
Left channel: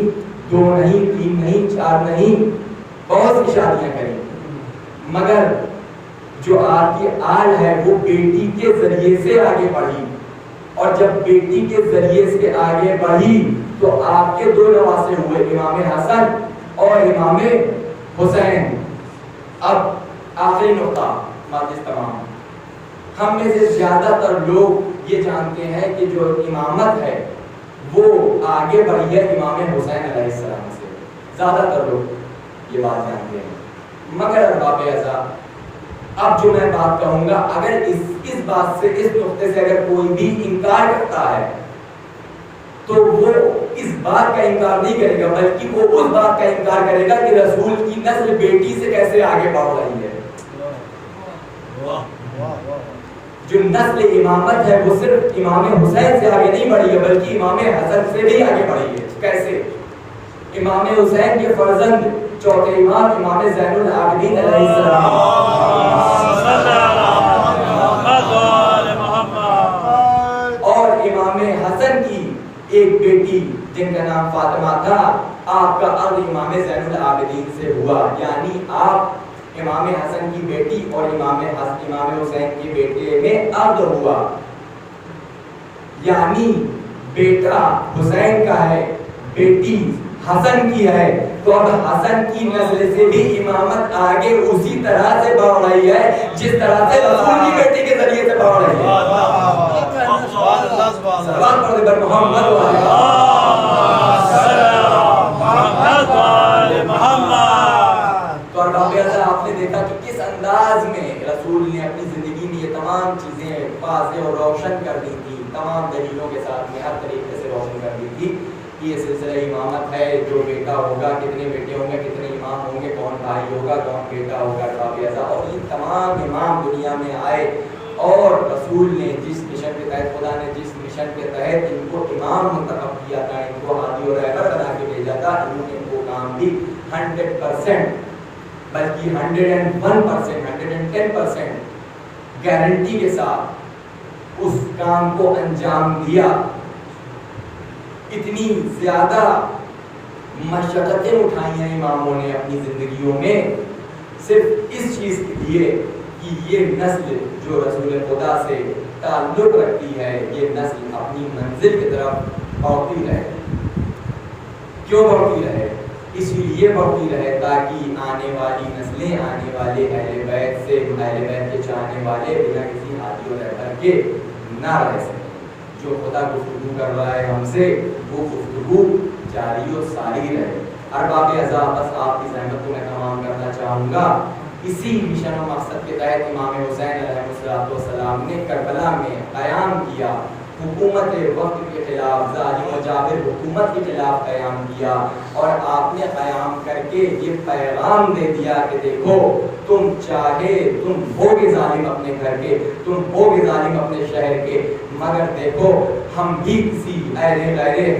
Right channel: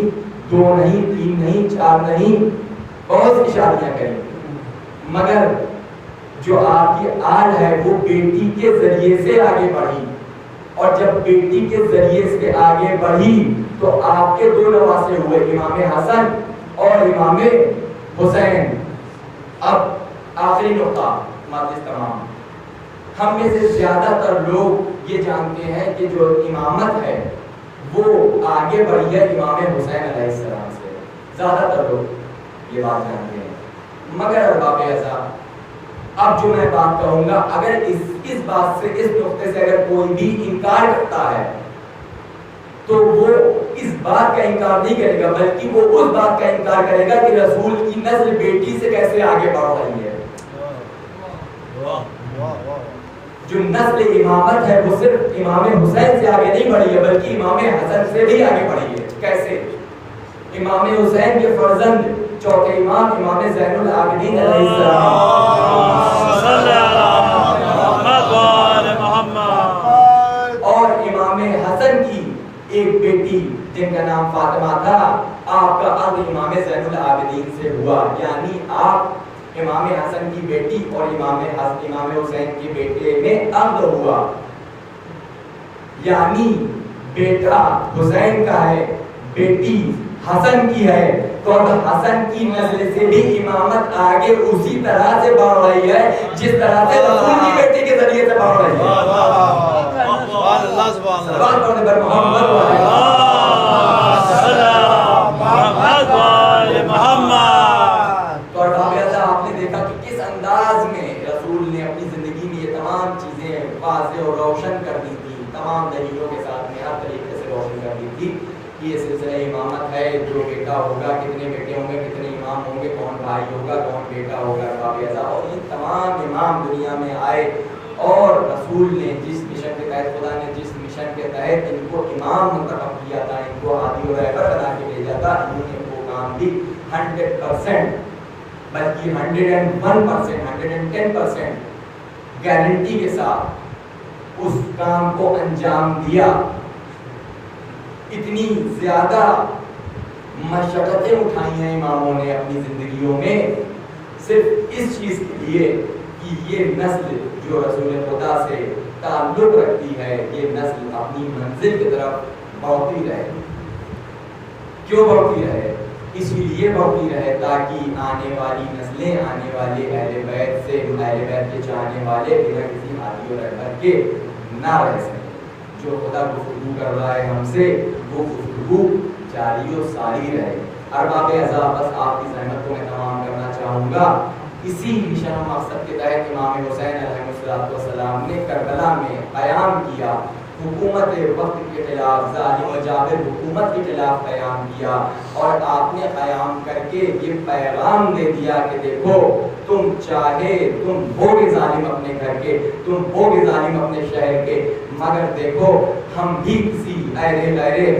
دو نہیں تین نہیں چار نہیں بہت سی شادیاں کریں مگر جو آپ کی آل ہے وہ بیٹی کے ذریعے سے آگے بڑھی اور جب بیٹی کے ذریعے سے آگے بڑھی تو آپ کے دو نواسے ہوئے امام حسن اور امام حسین. اب آخری نقطہ مجلس تمام ہم میں سے زیادہ تر لوگ یہ جانتے ہیں کہ جو امامت ہے وہ آگے بڑھی ہے امام حسین علیہ السلام سے. زیادہ تر لوگ یہ بات جانتے ہیں مگر ارباب اعضاء اب جو میں بات کہوں گا اگر اس بات سے اس نقطے سے اگر کوئی بھی انکار کرتا ہے تو وہ اس بات کا انکار نہیں کرے گا بلکہ وہ اس بات کا انکار کرے گا کہ رسول کی نسل بیٹی سے کیسے آگے بڑھ رہی ہے. جو نسل امامت ہے وہ صرف امام حسین سے آگے نہیں بڑھی ہے بلکہ امام حسن سے بھی آگے بڑھی ہے. کیسے؟ امام حسین کے فرزند چوتھے امام امام زین العابدین علیہ السلام اور امام حسن کی ایک بیٹی جن کا نام فاطمہ تھا آپ کا عقد امام زین العابدین سے ہوا. یعنی آپ امام حسن کی بیٹی اور امام حسین کی بیٹے میں عقد ہوا. یعنی بیٹا حسین کا ہے بیٹی حسن کی ہے تو اب حسن کی نسل سے بھی امامت آگے اسی طرح سے بڑھ رہی ہے جس طرح سے رسول کی بیٹی کے ذریعے سے بڑھ رہی ہے. صلوات پڑھنے پر محمد تو ارباب اعضاء آپ نے دیکھا کہ کس انداز میں رسول نے اپنی زندگی میں یہ تمام چیزیں واضح اور روشن کر دی تھی. تمام دلیلوں کے ساتھ میں ہر طریقے سے روشن کر دی تھی کہ یہ سلسلہ امامت ہے. جو بیٹا ہوگا کتنے بیٹے ہوں گے کتنے امام ہوں گے کون بھائی ہوگا کون بیٹا ہوگا ارباب اعضاء. اور یہ تمام امام دنیا میں آئے اور رسول نے جس مشن کے تحت خدا نے جس مشن کے تحت ان کو امام منتخب کیا تھا ان کو ہادی اور رہبر بنا کے بھیجا تھا انہوں نے وہ کام بھی 100% بلکہ 101% 110% گارنٹی کے ساتھ اس کام کو انجام دیا. اتنی زیادہ مشقتیں اٹھائی ہیں اماموں نے اپنی زندگیوں میں صرف اس چیز کے لیے کہ یہ نسل جو رسول خدا سے تعلق رکھتی ہے یہ نسل اپنی منزل کی طرف بڑھتی رہے. کیوں بڑھتی رہے؟ اسی لیے بڑھتی رہے تاکہ آنے والی نسلیں آنے والے اہل بیت سے اہل بیت کے چاہنے والے بنا کسی ہادی اور رہبر کے نہ رہ سکیں. جو خدا گفتگو کر رہا ہے ہم سے وہ گفتگو جاری و ساری رہے. ارباب اعضاء بس آپ کی زحمت کو میں تمام کرنا چاہوں گا. اسی مشن و مقصد کے تحت امام حسین علیہ السلام نے کربلا میں قیام کیا. حکومت وقت کے خلاف ظالم و جابر حکومت کے خلاف قیام کیا اور آپ نے قیام کر کے یہ پیغام دے دیا کہ دیکھو تم چاہے تم ہوگے ظالم اپنے گھر کے تم ہوگے ظالم اپنے شہر کے مگر دیکھو ہم بھی کسی غیر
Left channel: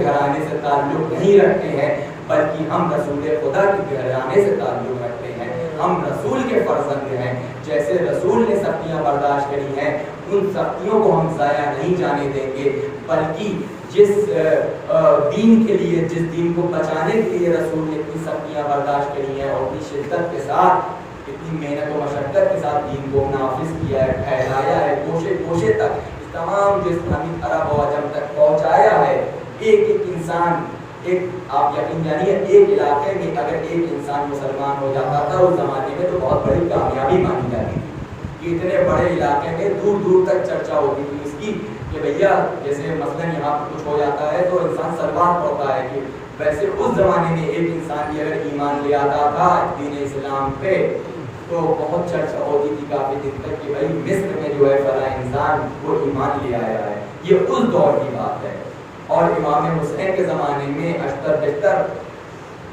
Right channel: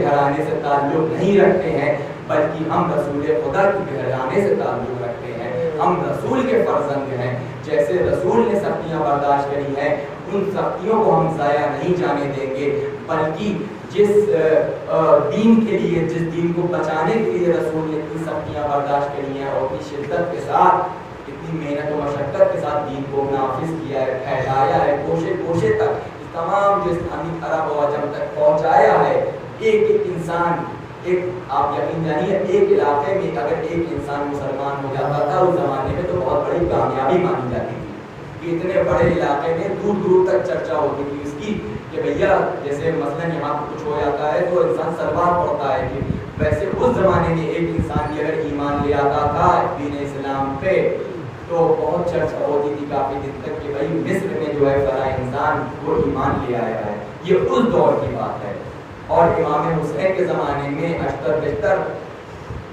گھرانے سے تعلق نہیں رکھتے ہیں بلکہ ہم رسول خدا کے گھرانے سے تعلق رکھتے ہیں. ہم رسول کے فرزند ہیں. جیسے رسول نے سختیاں برداشت کری ہیں ان سختیوں کو ہم ضائع نہیں جانے دیں گے بلکہ جس دین کے لیے جس دین کو بچانے کے لیے رسول نے اتنی سختیاں برداشت کری ہیں اور اتنی شدت کے ساتھ اتنی محنت و مشقت کے ساتھ دین کو نافذ کیا ہے پھیلایا ہے کوشے تک تمام جو اسلامی عرب و عجم تک پہنچایا ہے. ایک ایک انسان ایک آپ یقین جانیے ایک علاقے میں اگر ایک انسان مسلمان ہو جاتا تھا اس زمانے میں تو بہت بڑی کامیابی مانی جاتی تھی کہ اتنے بڑے علاقے میں دور دور تک چرچا ہوتی تھی اس کی کہ بھیا جیسے مثلاً یہاں کچھ ہو جاتا ہے تو انسان سلوات پڑھتا ہے کہ ویسے اس زمانے میں ایک انسان بھی اگر ایمان لے آتا تھا دین اسلام پہ تو بہت چرچا ہوتی تھی کافی دن تک کہ بھائی مصر میں جو ہے فلاں انسان وہ ایمان لے آیا ہے. یہ اس دور کی بات ہے. اور امام حسین کے زمانے میں اشتر بشتر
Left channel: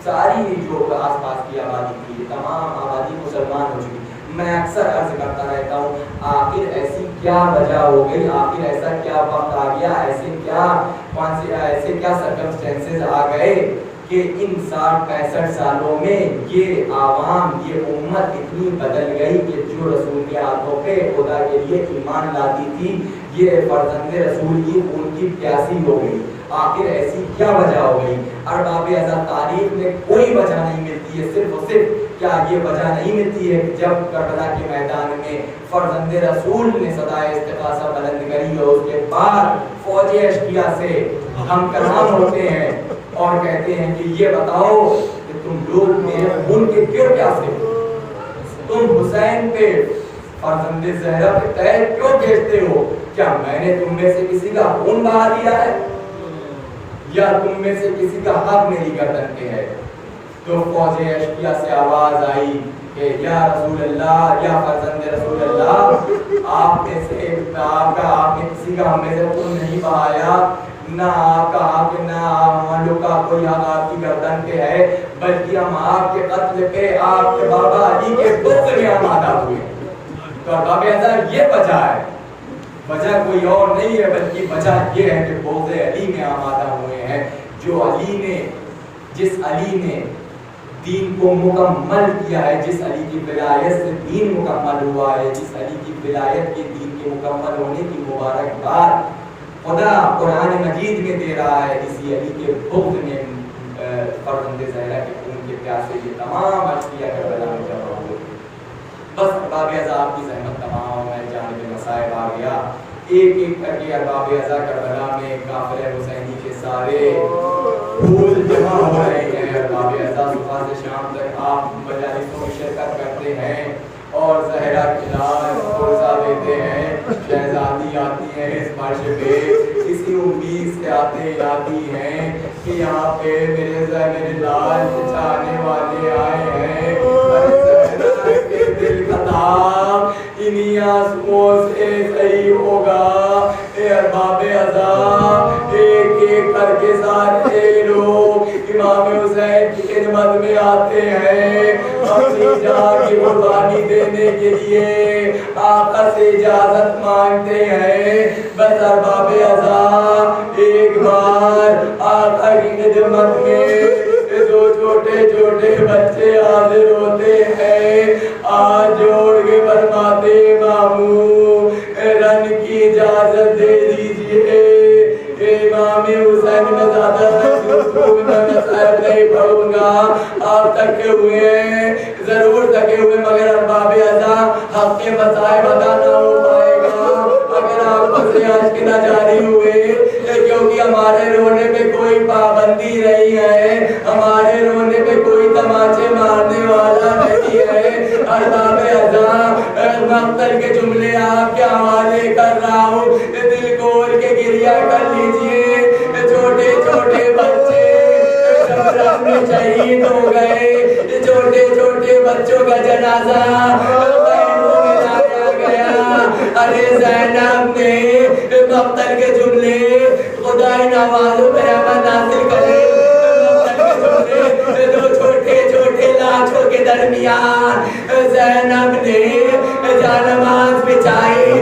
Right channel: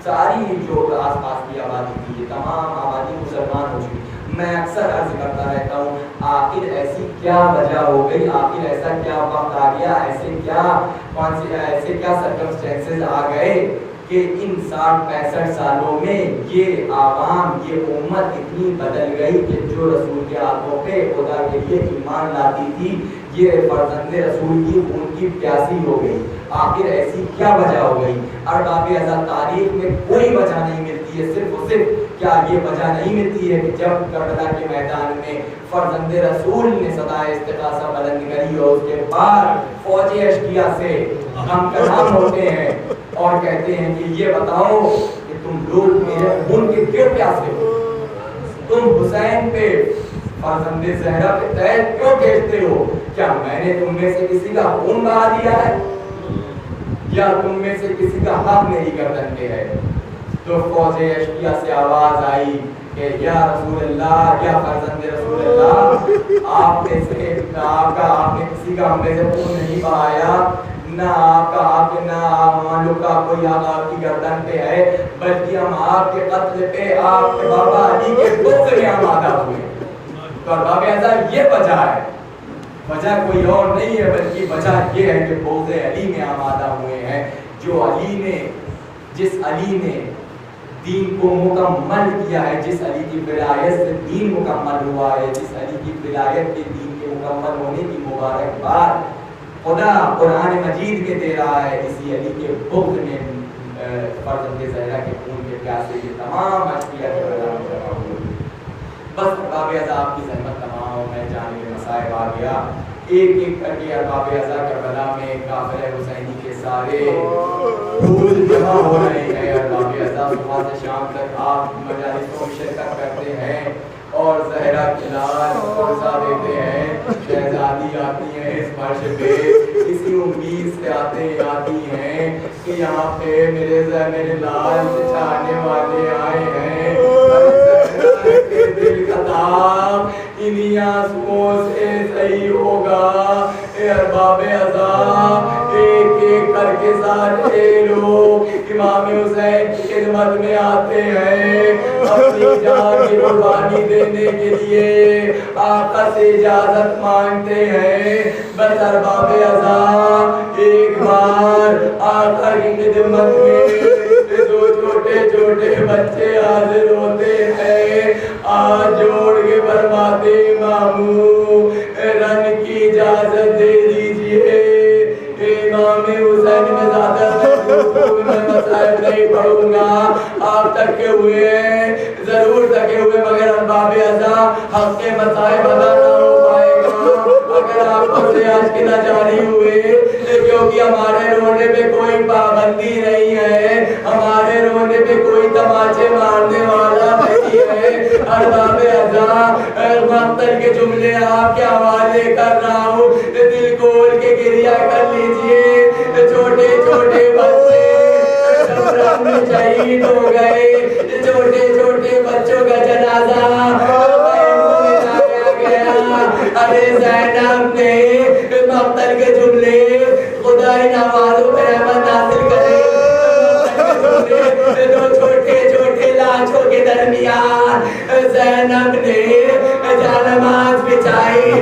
ساری جو آس پاس کی آبادی تھی یہ تمام آبادی مسلمان ہو چکی. میں اکثر عرض کرتا رہتا ہوں آخر ایسی کیا وجہ ہو گئی, آخر ایسا کیا وقت آ گیا, ایسے کیا سرکمسٹینسز آ گئے کہ ان 60-65 سالوں میں یہ عوام یہ امت اتنی بدل گئی کہ جو رسول کے ہاتھوں پہ خدا کے لیے ایمان لاتی تھی یہ فرزند رسول کی خون کی پیاسی ہو گئی. آخر ایسی کیا وجہ ہو گئی؟ ارباب ازل تاریخ میں کوئی وجہ نہیں ملتی ہے, صرف اور صرف کیا یہ وجہ نہیں ملتی ہے کہ جب کربلا کے میدان میں فرزند رسول نے صدائے استغاثہ بلند کری اور اس کے بعد فوج اشقیاء سے ہم کلام ہوتے ہیں اور کہتے ہیں کہ یہ بتاؤ کہ تم لوگ میرے خون کے کیوں پیاسے ہو, تم حسین پہ فرزند زہرا پہ تیر کیوں کھینچتے ہو؟ کیا میں نے تم میں سے کسی کا خون بہا دیا ہے یا تم میں سے کسی کا حق میری گردن پہ ہے؟ تو فوج اشقیاء سے آواز آئی کہ یا رسول اللہ, یا فرزند رسول اللہ, آپ میں سے آپ نے کسی کا ہم میں سے خون نہیں بہایا, نہ آپ کا حق نہ ہم لوگ کا کوئی حق آپ کی گردن پہ ہے, بلکہ ہم آپ کے قتل پہ آپ کے بابا علی کے بغض میں آمادہ ہوئے. تو ارباب ازل یہ وجہ ہے, وجہ کوئی اور نہیں ہے بلکہ وجہ یہ ہے کہ بغض علی میں آمادہ ہوئے ہیں. جس علی نے دین کو مکمل کیا ہے, جس علی کی ولایت سے دین مکمل ہوا ہے, جس علی کی ولایت کے دین کے مکمل ہونے کی مبارکباد خدا قرآن مجید میں دے رہا ہے, اسی علی کے بغض میں فرزند زہرا کے خون کے پیاسے یہ تمام اشقیاء کربلا میں جمع ہوئے. بس ارباب ازل آپ کی زحمت تمام میں جانب مصائب آ گیا. ایک ایک کر کے ارباب ازل کربلا میں قافلہ حسینی کے سارے پھول جمع ہو رہے ہیں. ارباب ازل صبح سے شام تک آپ مجالسوں میں شرکت کرتے ہیں اور زہرا کے لال فرصہ دیتے ہیں. شہزادی آتی ہیں اس فرش پہ اسی امید سے آتی ہیں کہ یہاں پہ میرے لال چاہنے والے آئے ہیں. کے دل کا دام انہی آنسوؤں سے صحیح ہوگا. اے ارباب ازل ایک ایک کر کے سارے لوگ امام حسین کی خدمت میں آتے ہیں اپنی جان کی قربانی دینے کے لیے آقا سے اجازت مانگتے ہیں. بس ارباب ازل ایک بار آقا کی خدمت میں دو چھوٹے چھوٹے بچے حاضر ہوتے ہیں. آج جوڑ کے فرماتے ماموں رن کی اجازت دے دیجئے. امام حسین میں زیادہ میں مصائب نہیں پڑھوں گا, آپ تھکے ہوئے ہیں, ضرور تھکے ہوئے, مگر ارباب ازل حق کے مصائب ادا نہ ہو پائے گا اگر آپ سے عشق نہ جاری ہوئے, کیونکہ ہمارے رونے پہ کوئی پابندی نہیں ہے, ہمارے رونے پہ کوئی تماچے مارنے والا نہیں ہے. ارباب ازل مقتل کے جملے آپ کے حوالے کر رہا ہوں, دل کھول کے گریہ کر لیجئے. چھوٹے چھوٹے بچے شبرم میں شہید ہو گئے, چھوٹے چھوٹے بچوں کا جنازہ خیموں میں لایا گیا. ارے زینب نے مقتل کے جملے خدا ان آوازوں پہ رحمت نازل کرے. مقتل کے جملے دو چھوٹے چھوٹے لاچوں کے درمیان زینب نے جانماز بچائی,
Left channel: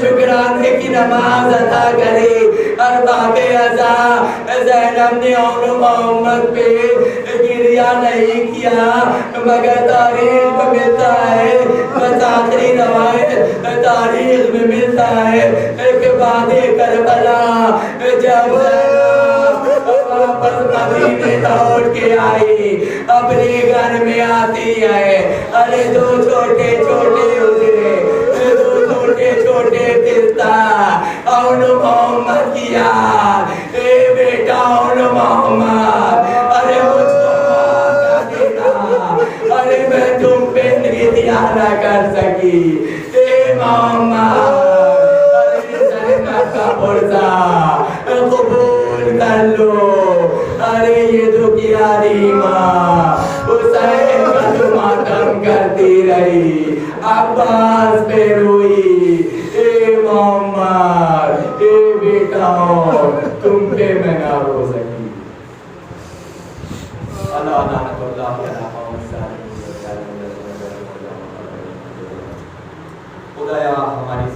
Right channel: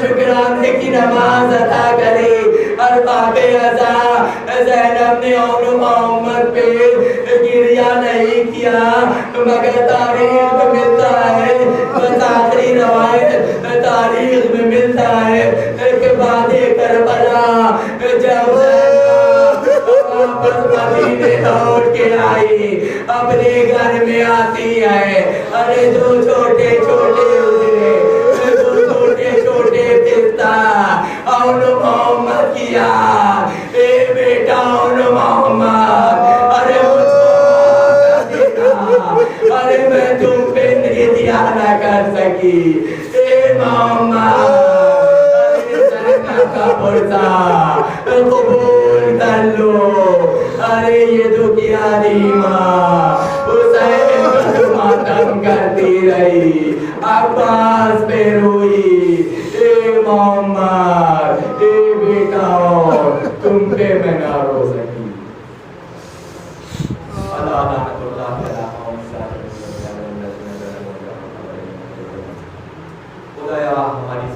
شکرانے کی نماز ادا کری. ارباب ازل زینب نے اون محمد پہ گریہ نہیں کیا, مگر تاریخ میں ملتا ہے, بس آخری روایت تاریخ میں ملتا ہے کہ بعد کربلا جب زینب واپس مدینے لوٹ کے آئی, اپنے گھر میں آتی ہے. ارے دو چھوٹے چھوٹے اجرے, دو چھوٹے چھوٹے پستا اون محمد کیا. اے بیٹا اون محمد محمد ارے زینب کا پرسا قبول کر لو ارے یہ دکھیا ماں حسین کا تو ماتم کرتی رہی عباس پہ روئی اے محمد اے بیٹا تم پہ میں نہ رو سکی اللہ لعنت اللہ علیہ خدایا ہماری